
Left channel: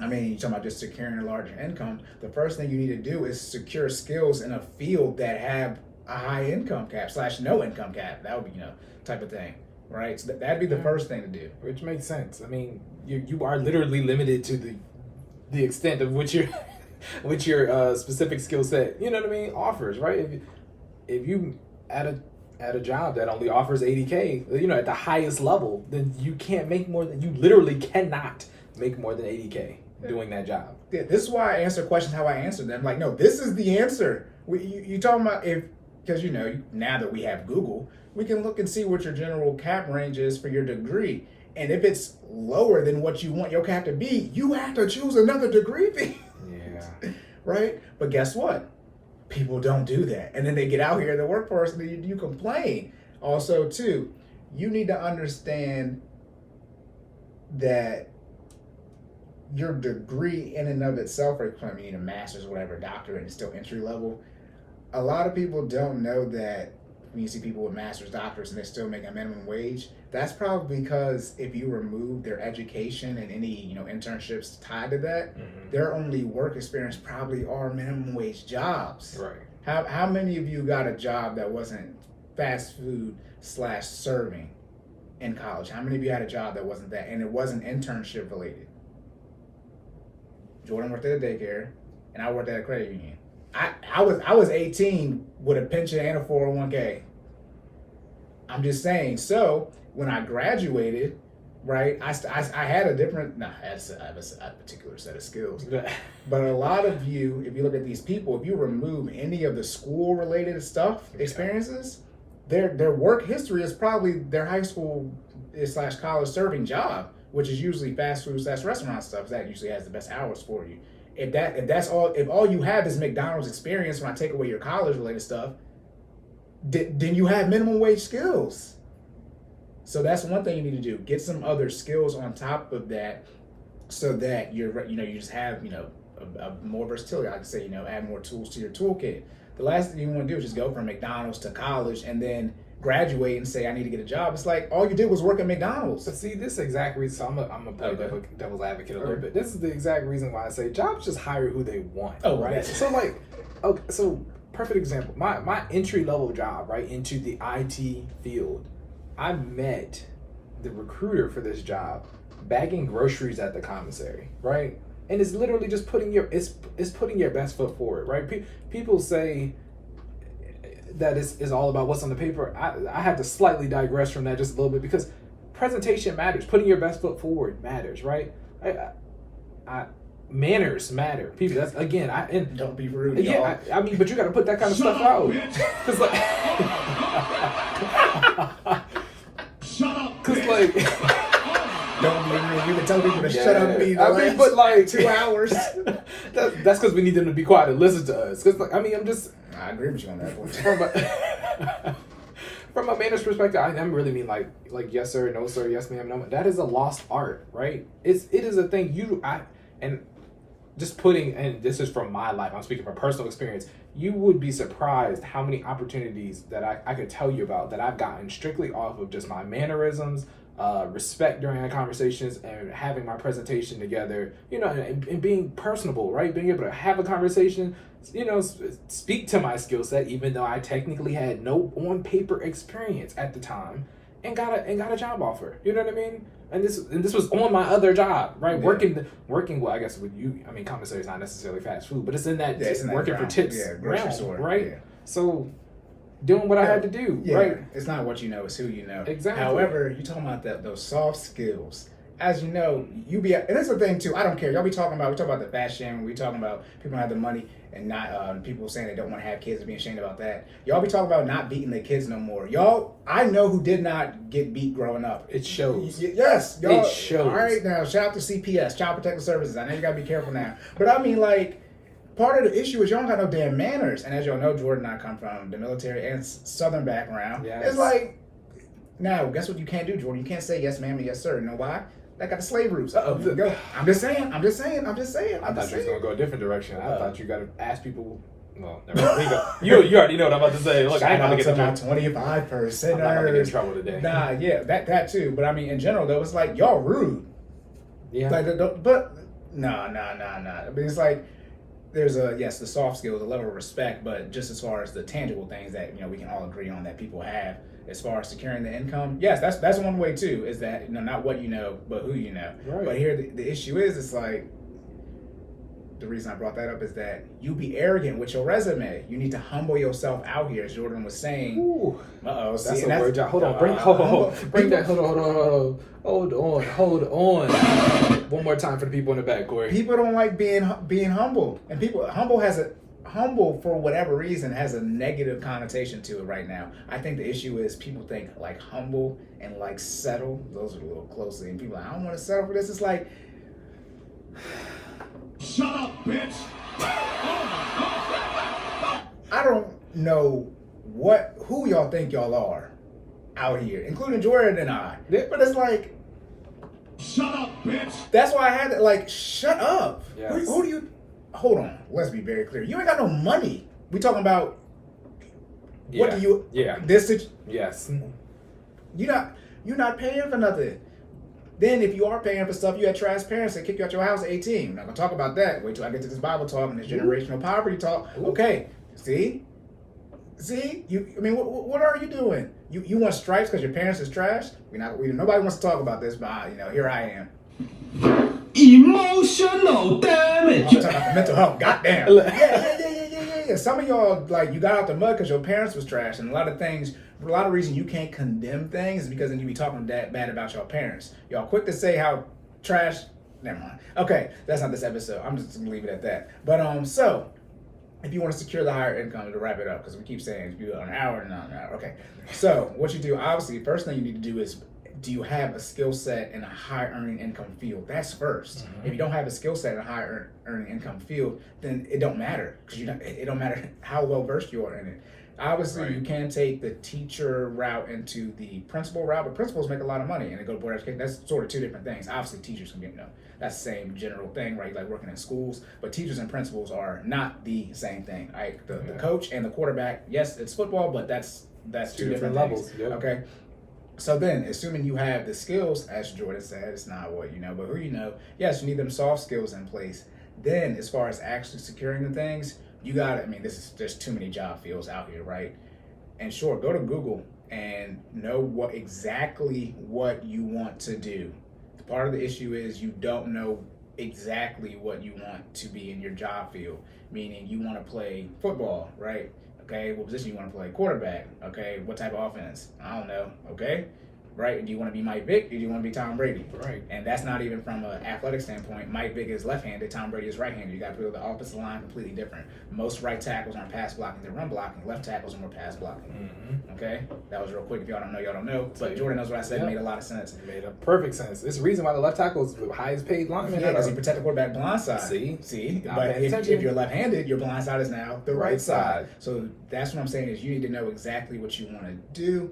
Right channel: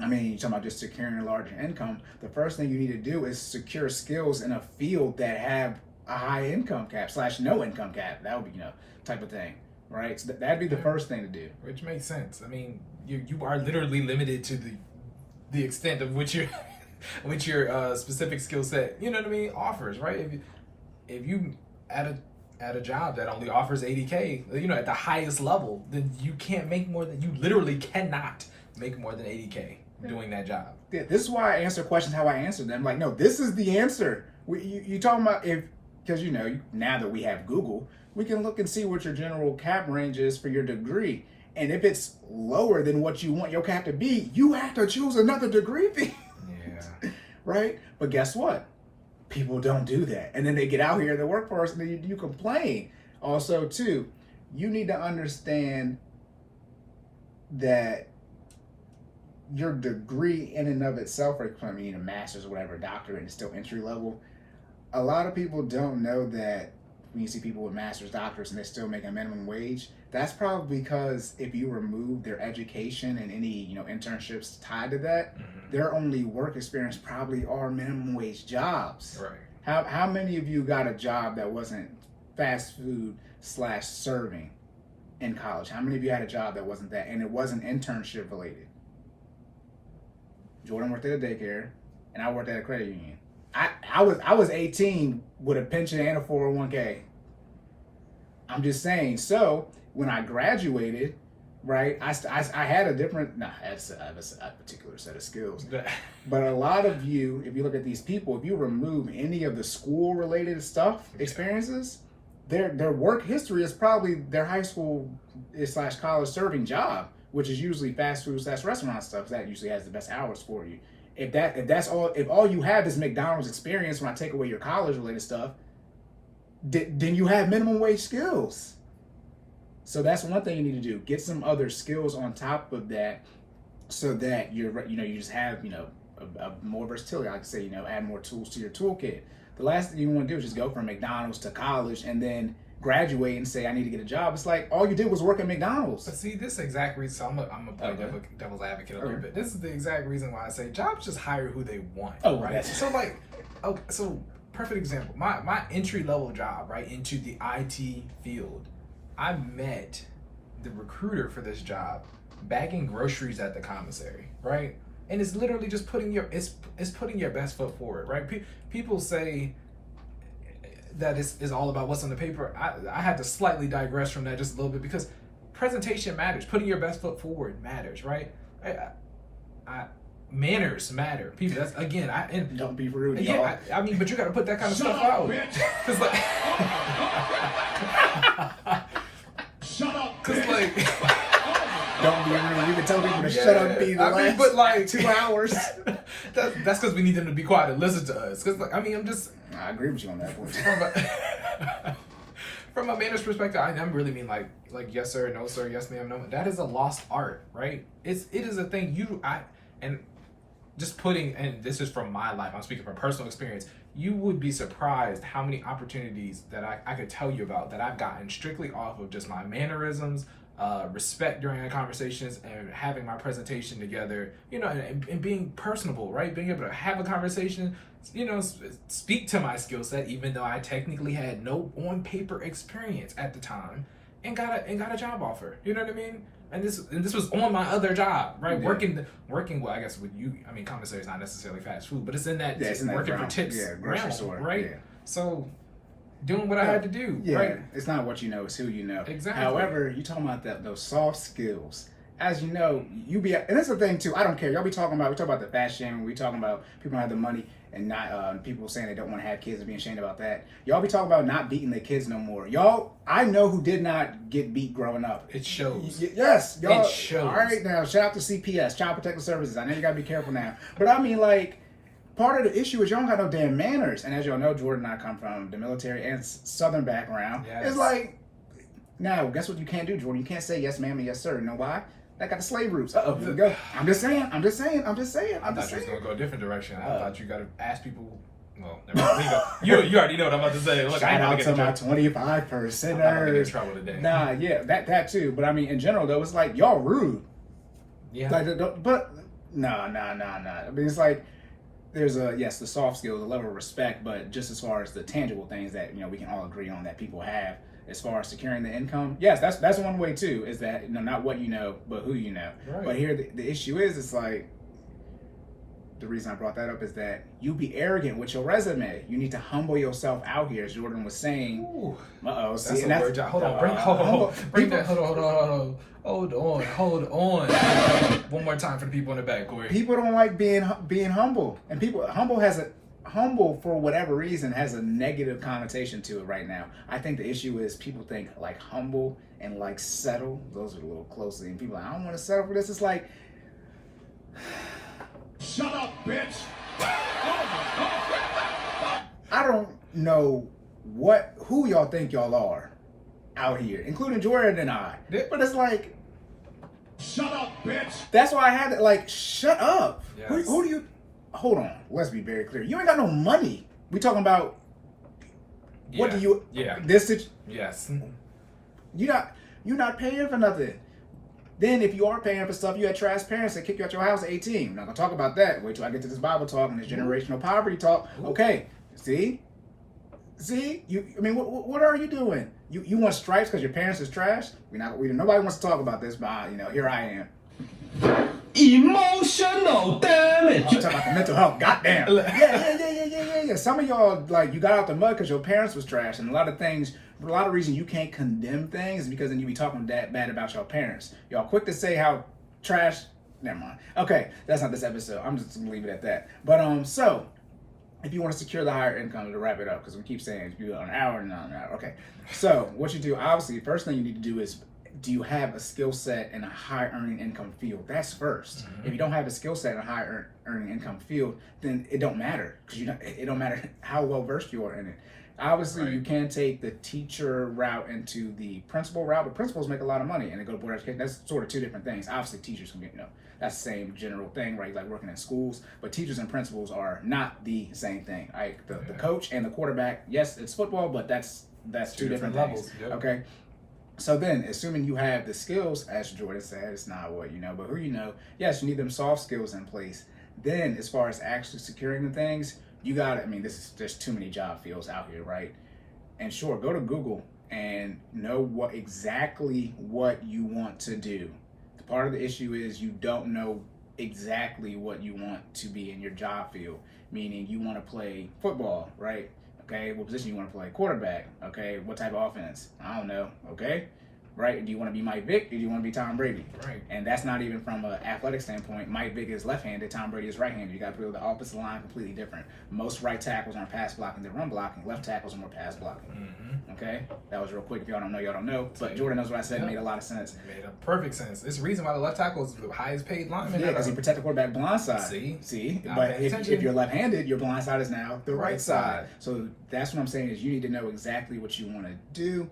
I mean, you're talking about just securing a larger income. The first thing you need to do is secure skills in a field that have a high income cap / no income cap. That would be, type of thing, right? So that'd be the first thing to do. Which makes sense. I mean, you are literally limited to the extent of which your specific skill set, offers, right? If you at a job that only offers 80K, at the highest level, then you literally cannot make more than 80K doing that job. Yeah, this is why I answer questions how I answer them. Like, no, this is the answer. You talking about because now that we have Google, we can look and see what your general cap range is for your degree. And if it's lower than what you want your cap to be, you have to choose another degree field. Yeah. Right? But guess what? People don't do that. And then they get out here in the workforce and you complain. Also, too, you need to understand that your degree in and of itself, or a master's, whatever, doctorate, is still entry level. A lot of people don't know that when you see people with master's, doctorates, and they still make a minimum wage, that's probably because if you remove their education and any internships tied to that, their only work experience probably are minimum wage jobs. Right. How many of you got a job that wasn't fast food / serving in college? How many of you had a job that wasn't that, and it wasn't internship related? Jordan worked at a daycare, and I worked at a credit union. I was 18 with a pension and a 401k. I'm just saying. So when I graduated, right, I had a different. I have a particular set of skills. But a lot of you, if you look at these people, if you remove any of the school related stuff, experiences, their work history is probably their high school / college serving job, which is usually fast food / restaurant stuff. That usually has the best hours for you. If all you have is McDonald's experience, when I take away your college related stuff, then you have minimum wage skills. So that's one thing you need to do. Get some other skills on top of that, so that you just have a more versatility. I could say add more tools to your toolkit. The last thing you want to do is just go from McDonald's to college and then graduate and say I need to get a job. It's like all you did was work at McDonald's. But see, this exact reason. So I'm gonna play devil's advocate a little bit. This is the exact reason why I say jobs just hire who they want. Oh, right. So perfect example. My entry level job, right, into the IT field. I met the recruiter for this job bagging groceries at the commissary, right? And it's literally just putting your best foot forward, right? People say that is all about what's on the paper. I had to slightly digress from that just a little bit, because presentation matters. Putting your best foot forward matters, right? Manners matter. People, that's again. Don't be rude. Yeah, I mean, but you got to put that kind of stuff out. Cause like, don't be rude. We've been telling people to shut up and be but like 2 hours. That's because we need them to be quiet and listen to us. Cause like, I I agree with you on that point. From a manners perspective, I really mean like yes sir, no sir, yes ma'am, no. That is a lost art, right? It is a thing. And this is from my life. I'm speaking from personal experience. You would be surprised how many opportunities that I could tell you about that I've gotten strictly off of just my mannerisms, respect during our conversations, and having my presentation together, and being personable, right? Being able to have a conversation, speak to my skill set, even though I technically had no on paper experience at the time, and got a job offer. You know what I mean? And this was on my other job, right? Yeah. Working well, I guess with you. I mean, commissary is not necessarily fast food, but it's in that working for tips, grocery store, right? Yeah. So doing what I had to do, right? It's not what you know, it's who you know. Exactly. However, you talking about those soft skills. As you know, and that's the thing too. I don't care. Y'all be talking about. We talk about the fashion. We talking about people don't have the money, and not people saying they don't want to have kids and being ashamed about that. Y'all be talking about not beating their kids no more. Y'all, I know who did not get beat growing up. It shows. Yes, y'all, it shows. All right, now shout out to CPS, Child Protective Services. I know you gotta be careful now, but I mean like. Part of the issue is y'all don't got no damn manners. And as y'all know, Jordan and I come from the military and Southern background. Yes. It's like, Now, guess what you can't do, Jordan? You can't say yes, ma'am, and yes, sir. You know why? That got the slave roots. Here we go. I'm just saying. I thought you was gonna go a different direction. I thought you gotta ask people. Well, never mind. You already know what I'm about to say. Look, I ain't about to get my 25%. I'm not gonna get in trouble today. Nah, yeah, that too. But I mean, in general, though, it's like y'all rude. Yeah. Like, but nah. I mean, it's like there's the soft skills, a level of respect, but just as far as the tangible things that we can all agree on that people have. As far as securing the income, yes, that's one way too. Is that not what you know, but who you know. Right. But here the issue is, it's like the reason I brought that up is that you be arrogant with your resume. You need to humble yourself out here, as Jordan was saying. Ooh. See, that's a word. Hold on, bring that. Hold on. One more time for the people in the back, Cory. People don't like being humble, and humble for whatever reason has a negative connotation to it right now. I think the issue is people think like humble and like settle, those are a little closely, and people are like, I don't want to settle for this. It's like, shut up, bitch. I don't know who y'all think y'all are out here, including Jordan and I. Yeah. But it's like, shut up, bitch. that's why I had to like, shut up. Yes. Who do you? Hold on, let's be very clear. You ain't got no money. We talking about what do you? Yeah. Yes. You're not paying for nothing. Then if you are paying for stuff, you had trash parents that kick you out your house at 18. We're not gonna talk about that. Wait till I get to this Bible talk and this generational poverty talk. Ooh. Okay, see, what are you doing? You want stripes because your parents is trash? Nobody wants to talk about this, but here I am. Emotional damage. I'm talking about the mental health. Goddamn. Yeah. Some of y'all, like, you got out the mud because your parents was trash, and a lot of reason you can't condemn things is because then you be talking that bad about your parents. Y'all quick to say how trash. Never mind. Okay, that's not this episode. I'm just gonna leave it at that. But so if you want to secure the higher income, to wrap it up, because we keep saying it's an hour and an hour. Okay, so what you do, obviously, first thing you need to do is, do you have a skill set in a high earning income field? That's first. Mm-hmm. If you don't have a skill set in a high earning income field, then it don't matter, because it don't matter how well versed you are in it. Obviously, Right. You can take the teacher route into the principal route, but principals make a lot of money and they go to board education. That's sort of two different things. Obviously, teachers can get, that's the same general thing, right? Like working in schools, but teachers and principals are not the same thing. Right? The coach and the quarterback, yes, it's football, but that's two different levels. things. Yep. Okay. So then, assuming you have the skills, as Jordan said, it's not what you know, but who you know. Yes, you need them soft skills in place. Then, as far as actually securing the things, you got to, there's too many job fields out here, right? And sure, go to Google and know exactly what you want to do. Part of the issue is you don't know exactly what you want to be in your job field, meaning you want to play football, right? Okay, what position you want to play? Quarterback. Okay, what type of offense? I don't know. Okay, right? Do you want to be Mike Vick or do you want to be Tom Brady? Right. And that's not even from an athletic standpoint. Mike Vick is left-handed. Tom Brady is right-handed. You got to put the offensive line completely different. Most right tackles aren't pass blocking; they're run blocking. Left tackles are more pass blocking. Mm-hmm. Okay, that was real quick. If y'all don't know, y'all don't know. But Jordan knows what I said. It made a lot of sense. It made a perfect sense. There's a reason why the left tackle is the highest paid lineman. Yeah, because he protect the quarterback blind side. See? But if you're left-handed, your blind side is now the right side. So that's what I'm saying is you need to know exactly what you want to do,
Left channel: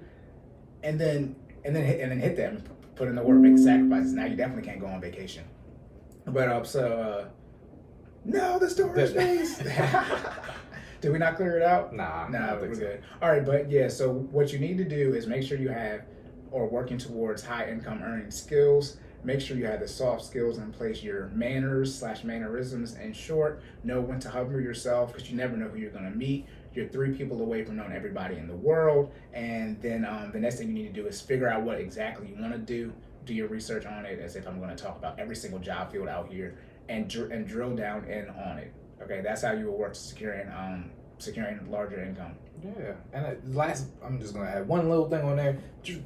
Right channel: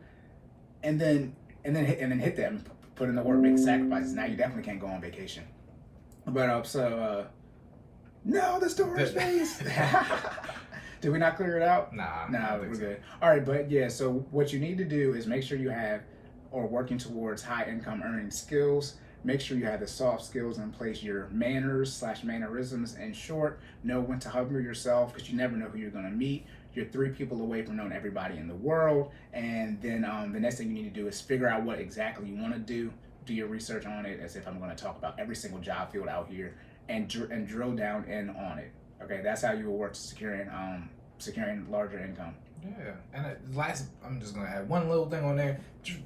and then hit them. Put in the work, make the sacrifices. Now you definitely can't go on vacation. But no, the storage space. Did we not clear it out? Nah, No, we're good. All right, but yeah, so what you need to do is make sure you have, or working towards high income earning skills. Make sure you have the soft skills in place, your manners/mannerisms. In short, know when to humble yourself, because you never know who you're going to meet. You're 3 people away from knowing everybody in the world. And then the next thing you need to do is figure out what exactly you want to do. Do your research on it, as if I'm going to talk about every single job field out here, and drill down in on it. Okay, that's how you will work to securing larger income. Yeah, and I'm just gonna add one little thing on there. Just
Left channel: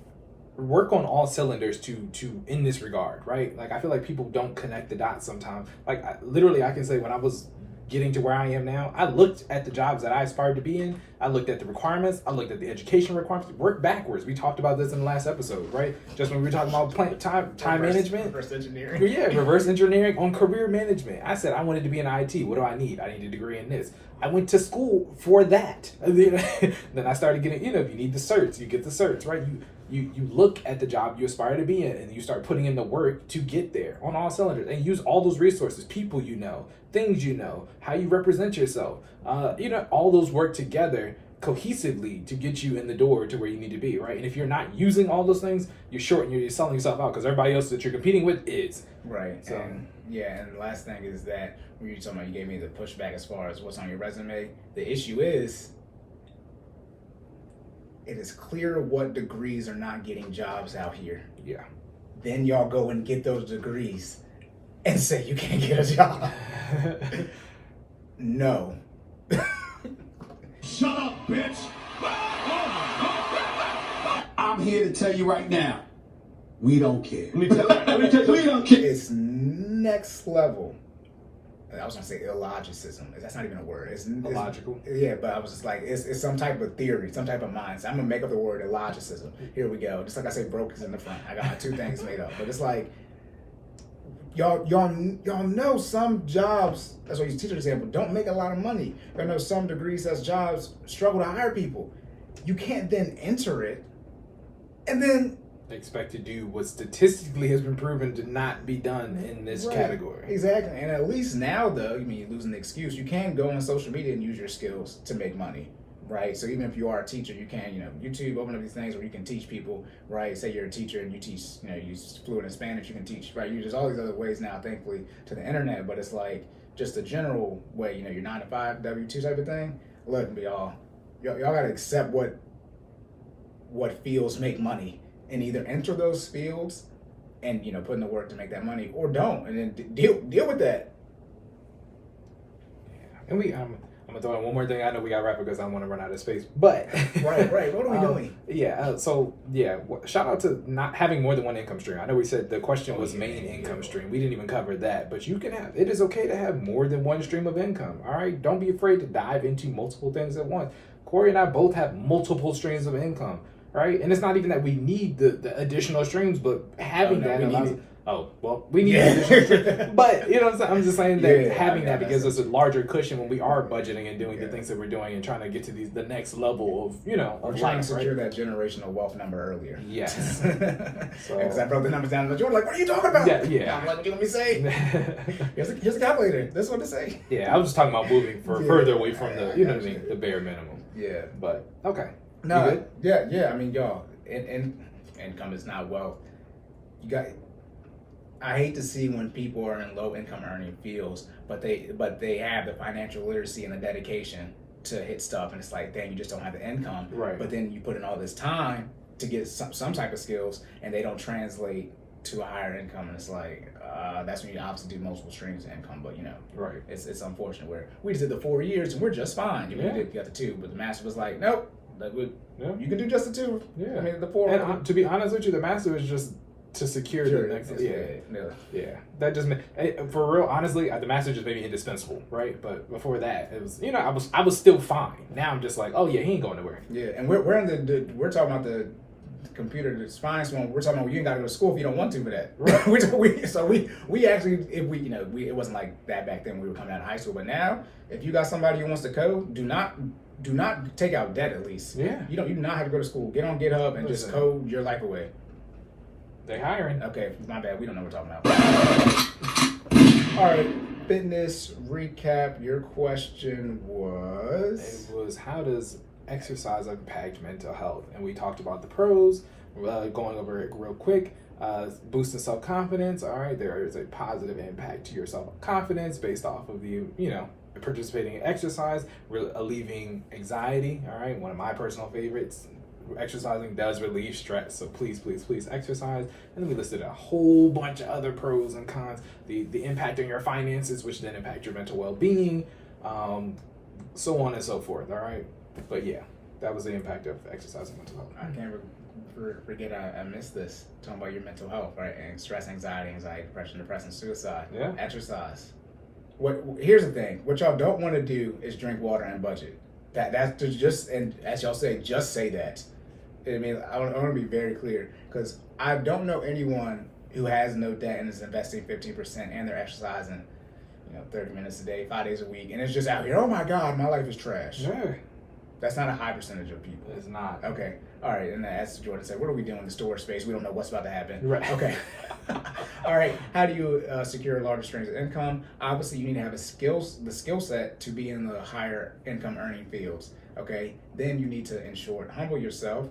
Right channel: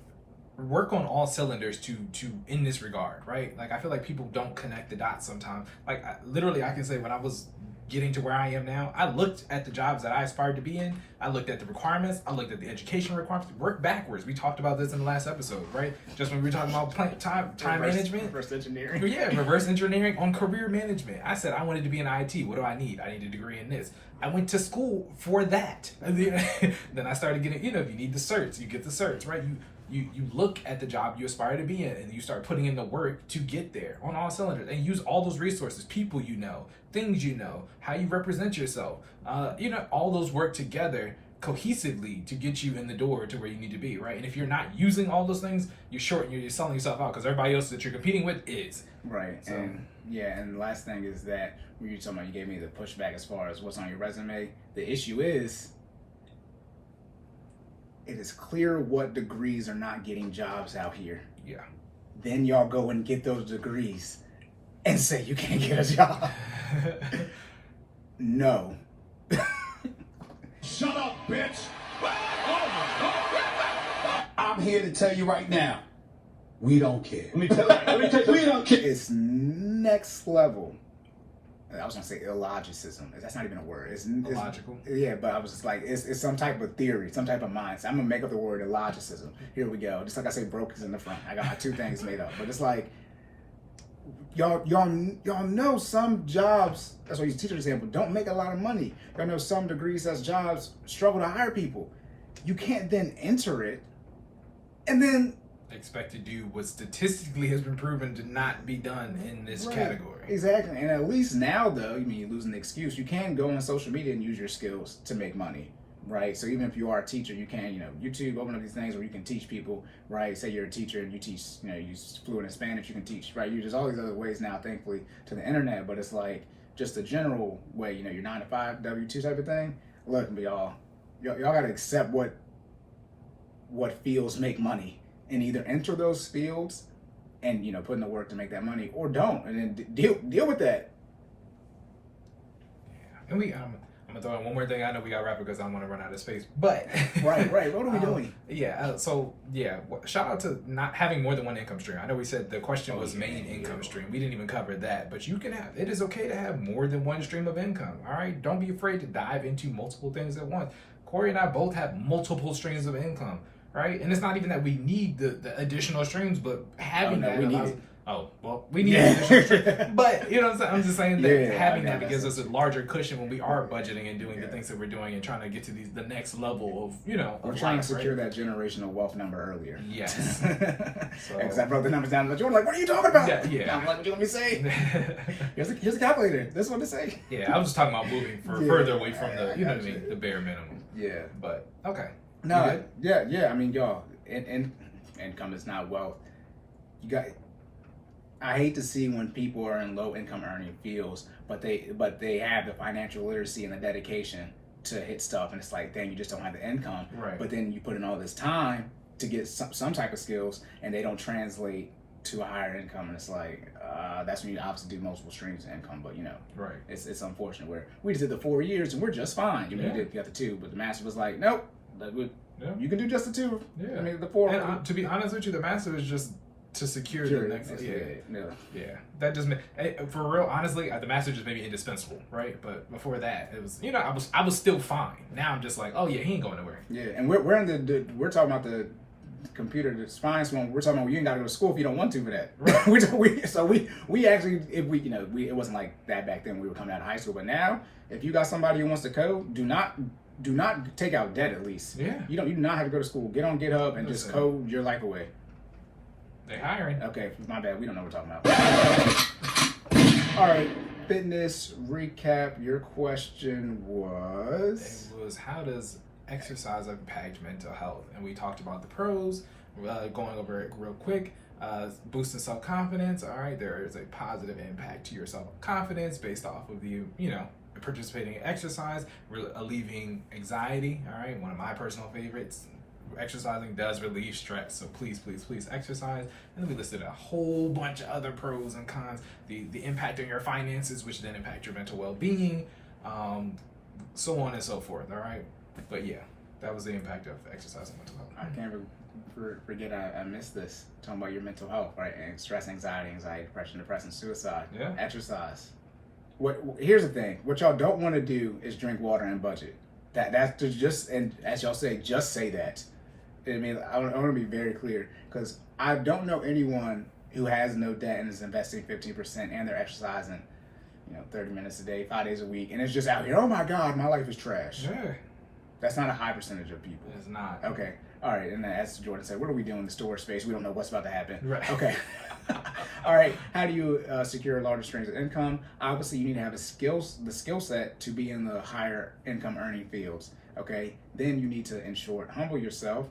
work on all cylinders to in this regard, right? Like I feel like people don't connect the dots sometimes. Like I can say when I was getting to where I am now, I looked at the jobs that I aspired to be in. I looked at the requirements. I looked at the education requirements. Work backwards. We talked about this in the last episode, right? Just when we were talking about time management. Reverse engineering. Yeah, reverse engineering on career management. I said I wanted to be in IT. What do I need? I need a degree in this. I went to school for that. Then I started getting, you need the certs. You get the certs, right? you look at the job you aspire to be in, and you start putting in the work to get there on all cylinders, and use all those resources, people you know, things you know, how you represent yourself, all those work together cohesively to get you in the door to where you need to be, right? And if you're not using all those things, you're short and you're selling yourself out because everybody else that you're competing with is. Right. So, and the last thing is that when you're talking about, you gave me the pushback as far as what's on your resume. The issue is, it is clear what degrees are not getting jobs out here. Yeah. Then y'all go and get those degrees and say you can't get a job. No. Shut up, bitch! I'm here to tell you right now, we don't care. Let me tell you, we don't care. It's next level. I was gonna say illogicism. That's not even a word. It's illogical. Yeah, but I was just like, it's some type of theory, some type of mindset. I'm gonna make up the word illogicism. Here we go. Just like I say, broke is in the front. I got my two things made up. But it's like, y'all know some jobs, that's why you teach an example, don't make a lot of money. Y'all know some degrees as jobs struggle to hire people. You can't then enter it and then expect to do what statistically has been proven to not be done in this category. Exactly. And at least now, though, you're losing the excuse. You can go on social media and use your skills to make money, right? So even if you are a teacher, you can, YouTube, open up these things where you can teach people, right? Say you're a teacher and you teach, you're fluent in Spanish, you can teach, right? There's all these other ways now, thankfully, to the internet, but it's like just a general way, your 9 to 5, W-2 type of thing. Look, y'all gotta accept what fields make money, and either enter those fields and put in the work to make that money, or don't, and then deal with that. Yeah. And I'm gonna throw in one more thing. I know we gotta wrap it because I don't want to run out of space. But right. What are we doing? Shout out to not having more than one income stream. I know we said the question was main income stream. We didn't even cover that, but it is okay to have more than one stream of income. All right, don't be afraid to dive into multiple things at once. Cory and I both have multiple streams of income. Right, and it's not even that we need the additional streams, but having that allows. We need additional streams. But what I'm saying? I'm just saying that having that gives us a larger cushion when we are budgeting and doing the things that we're doing and trying to get to the next level of We're trying to secure that generational wealth number earlier. Yes. Because I broke the numbers down, but you were like, "What are you talking about?" Yeah. I'm like, "What do you want me to say?" Here's a calculator. This is what to say. Yeah, I was just talking about moving further away from the bare minimum. Yeah. But okay. No, yeah. Y'all, income is not wealth. I hate to see when people are in low income earning fields, but they have the financial literacy and the dedication to hit stuff, and it's like, dang, you just don't have the income. Right. But then you put in all this time to get some type of skills, and they don't translate to a higher income, and it's like, that's when you obviously do multiple streams of income. But right, it's unfortunate where we just did the 4 years and we're just fine. You got the 2, but the master was like, nope. You can do just the 2. Yeah. The 4. And to be honest with you, the master is just to secure the next. Yeah. That just for real. Honestly, the master just made me indispensable, right? But before that, it was I was still fine. Now I'm just like, oh yeah, he ain't going nowhere. Yeah, and we're in we're talking about the computer, the spine one. We're talking about you ain't got to go to school if you don't want to for that. Right. we actually, if we it wasn't like that back then when we were coming out of high school. But now, if you got somebody who wants to code, do not take out debt at least. Yeah. You do not have to go to school. Get on GitHub and just code your life away. They hiring. Okay, my bad. We don't know what we're talking about. All right, fitness recap. Your question was? It was, how does exercise impact mental health? And we talked about the pros, going over it real quick. Boosting self-confidence. All right, there is a positive impact to your self-confidence based off of you participating in exercise, relieving anxiety. All right, one of my personal favorites. Exercising does relieve stress, so please exercise. And then we listed a whole bunch of other pros and cons. The impact on your finances, which then impact your mental well-being, so on and so forth. All right, but yeah, that was the impact of exercise on mental health. I can't forget I missed this, talking about your mental health, right? And stress, anxiety, depression, suicide. Yeah. Exercise. Here's the thing. What y'all don't want to do is drink water and budget. That's just, and as y'all say, just say that. I want to be very clear, because I don't know anyone who has no debt and is investing 15% and they're exercising, 30 minutes a day, 5 days a week, and it's just out here, oh my God, my life is trash. Yeah. That's not a high percentage of people. It's not. Okay. All right. And as Jordan said, what are we doing in the store space? We don't know what's about to happen. Right. Okay. All right. How do you secure larger streams of income? Obviously, you need to have the skill set to be in the higher income earning fields. Okay. Then you need to, in short, humble yourself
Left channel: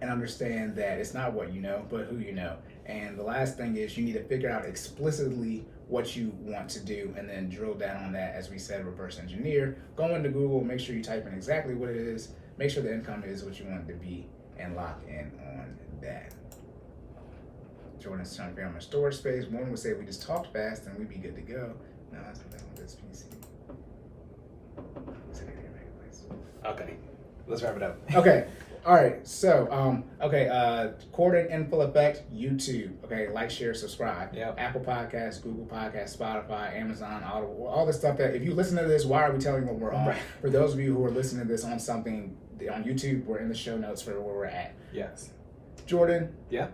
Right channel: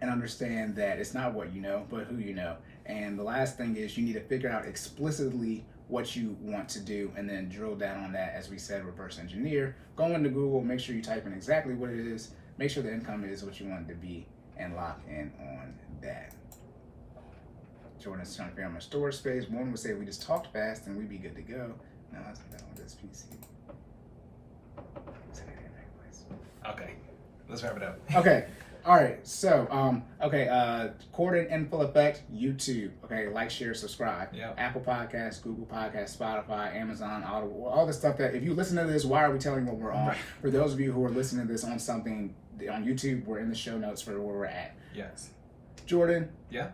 and understand that it's not what you know, but who you know. And the last thing is you need to figure out explicitly what you want to do and then drill down on that. As we said, reverse engineer. Go into Google, make sure you type in exactly what it is, make sure the income is what you want it to be, and lock in on that. Jordan's trying to figure out my storage space. Morgan would say if we just talked fast and we'd be good to go. No, that's not on this PC. Okay, let's wrap it up. Okay. All right, so Corden in full effect, YouTube. Okay, like, share, subscribe. Yep. Apple Podcasts, Google Podcasts, Spotify, Amazon, Audible, all the stuff that if you listen to this, why are we telling the world? Right. For those of you who are listening to this on something on YouTube, we're in the show notes for where we're at. Yes. Jordan. Yeah.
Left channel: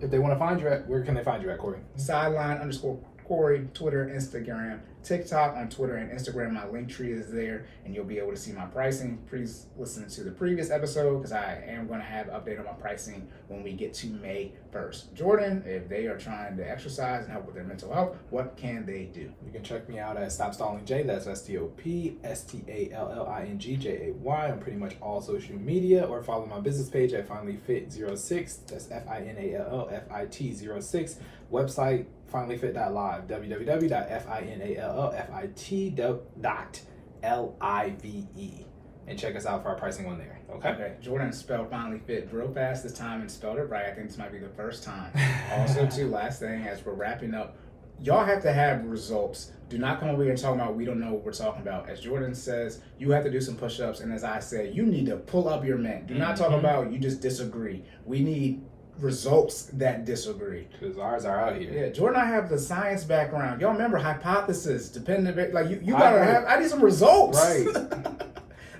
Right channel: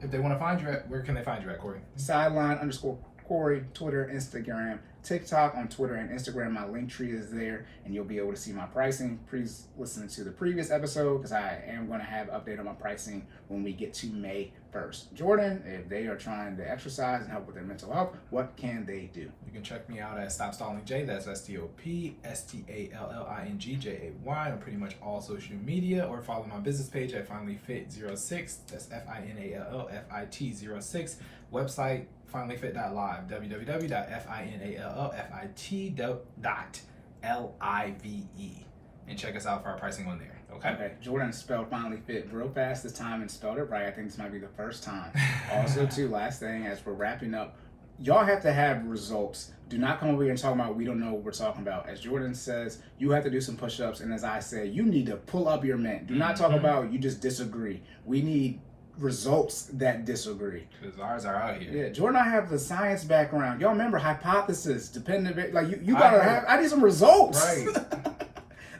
If they want to find you at, where can they find you at, Cory? Sideline_Cory, Twitter, Instagram, TikTok, on Twitter and Instagram. My link tree is there, and you'll be able to see my pricing. Please listen to the previous episode because I am going to have an update on my pricing when we get to May 1st. Jordan, if they are trying to exercise and help with their mental health, what can they do? You can check me out at Stop Stalling J. That's StopStallingJay on pretty much all social media, or follow my business page at FinallyFit06. That's FinallyFit06. Website FinallyFit.live, www.FinallyFit.live, and check us out for our pricing on there. Okay. Jordan spelled Finally Fit real fast this time and spelled it right. I think this might be the first time. Also, too, last thing as we're wrapping up, y'all have to have results. Do not come over here and talk about we don't know what we're talking about. As Jordan says, you have to do some push-ups, and as I say, you need to pull up your mint. Do not talk about you just disagree. We need results that disagree. Because ours are out here. Yeah, Jordan and I have the science background. Y'all remember hypothesis, dependent, like you gotta have, I need some results. Right.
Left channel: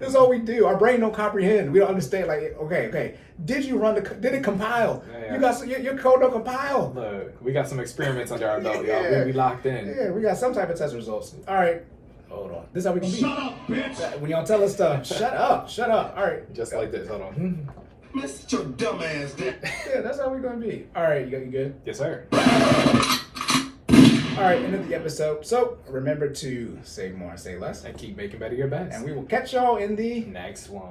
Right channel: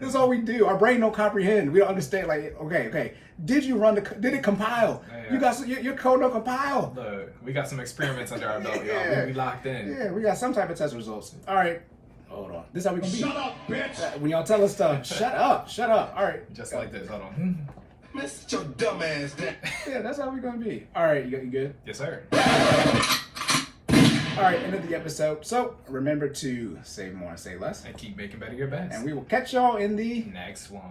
That's all we do. Our brain don't comprehend. We don't understand, like, okay. Did you run did it compile? Yeah. You got your code don't compile. Look, we got some experiments under our belt, Yeah. y'all. We locked in. Yeah, we got some type of test results. All right. Hold on. This is how we can be. Shut up, bitch! When y'all tell us stuff, shut up. All right. Just like this. Hold on. Man, sit your dumb ass down. Yeah, that's how we're gonna be. All right, you good? Yes, sir. All right, end of the episode. So remember to save more and say less. And keep making better your bets. And we will catch y'all in the next one.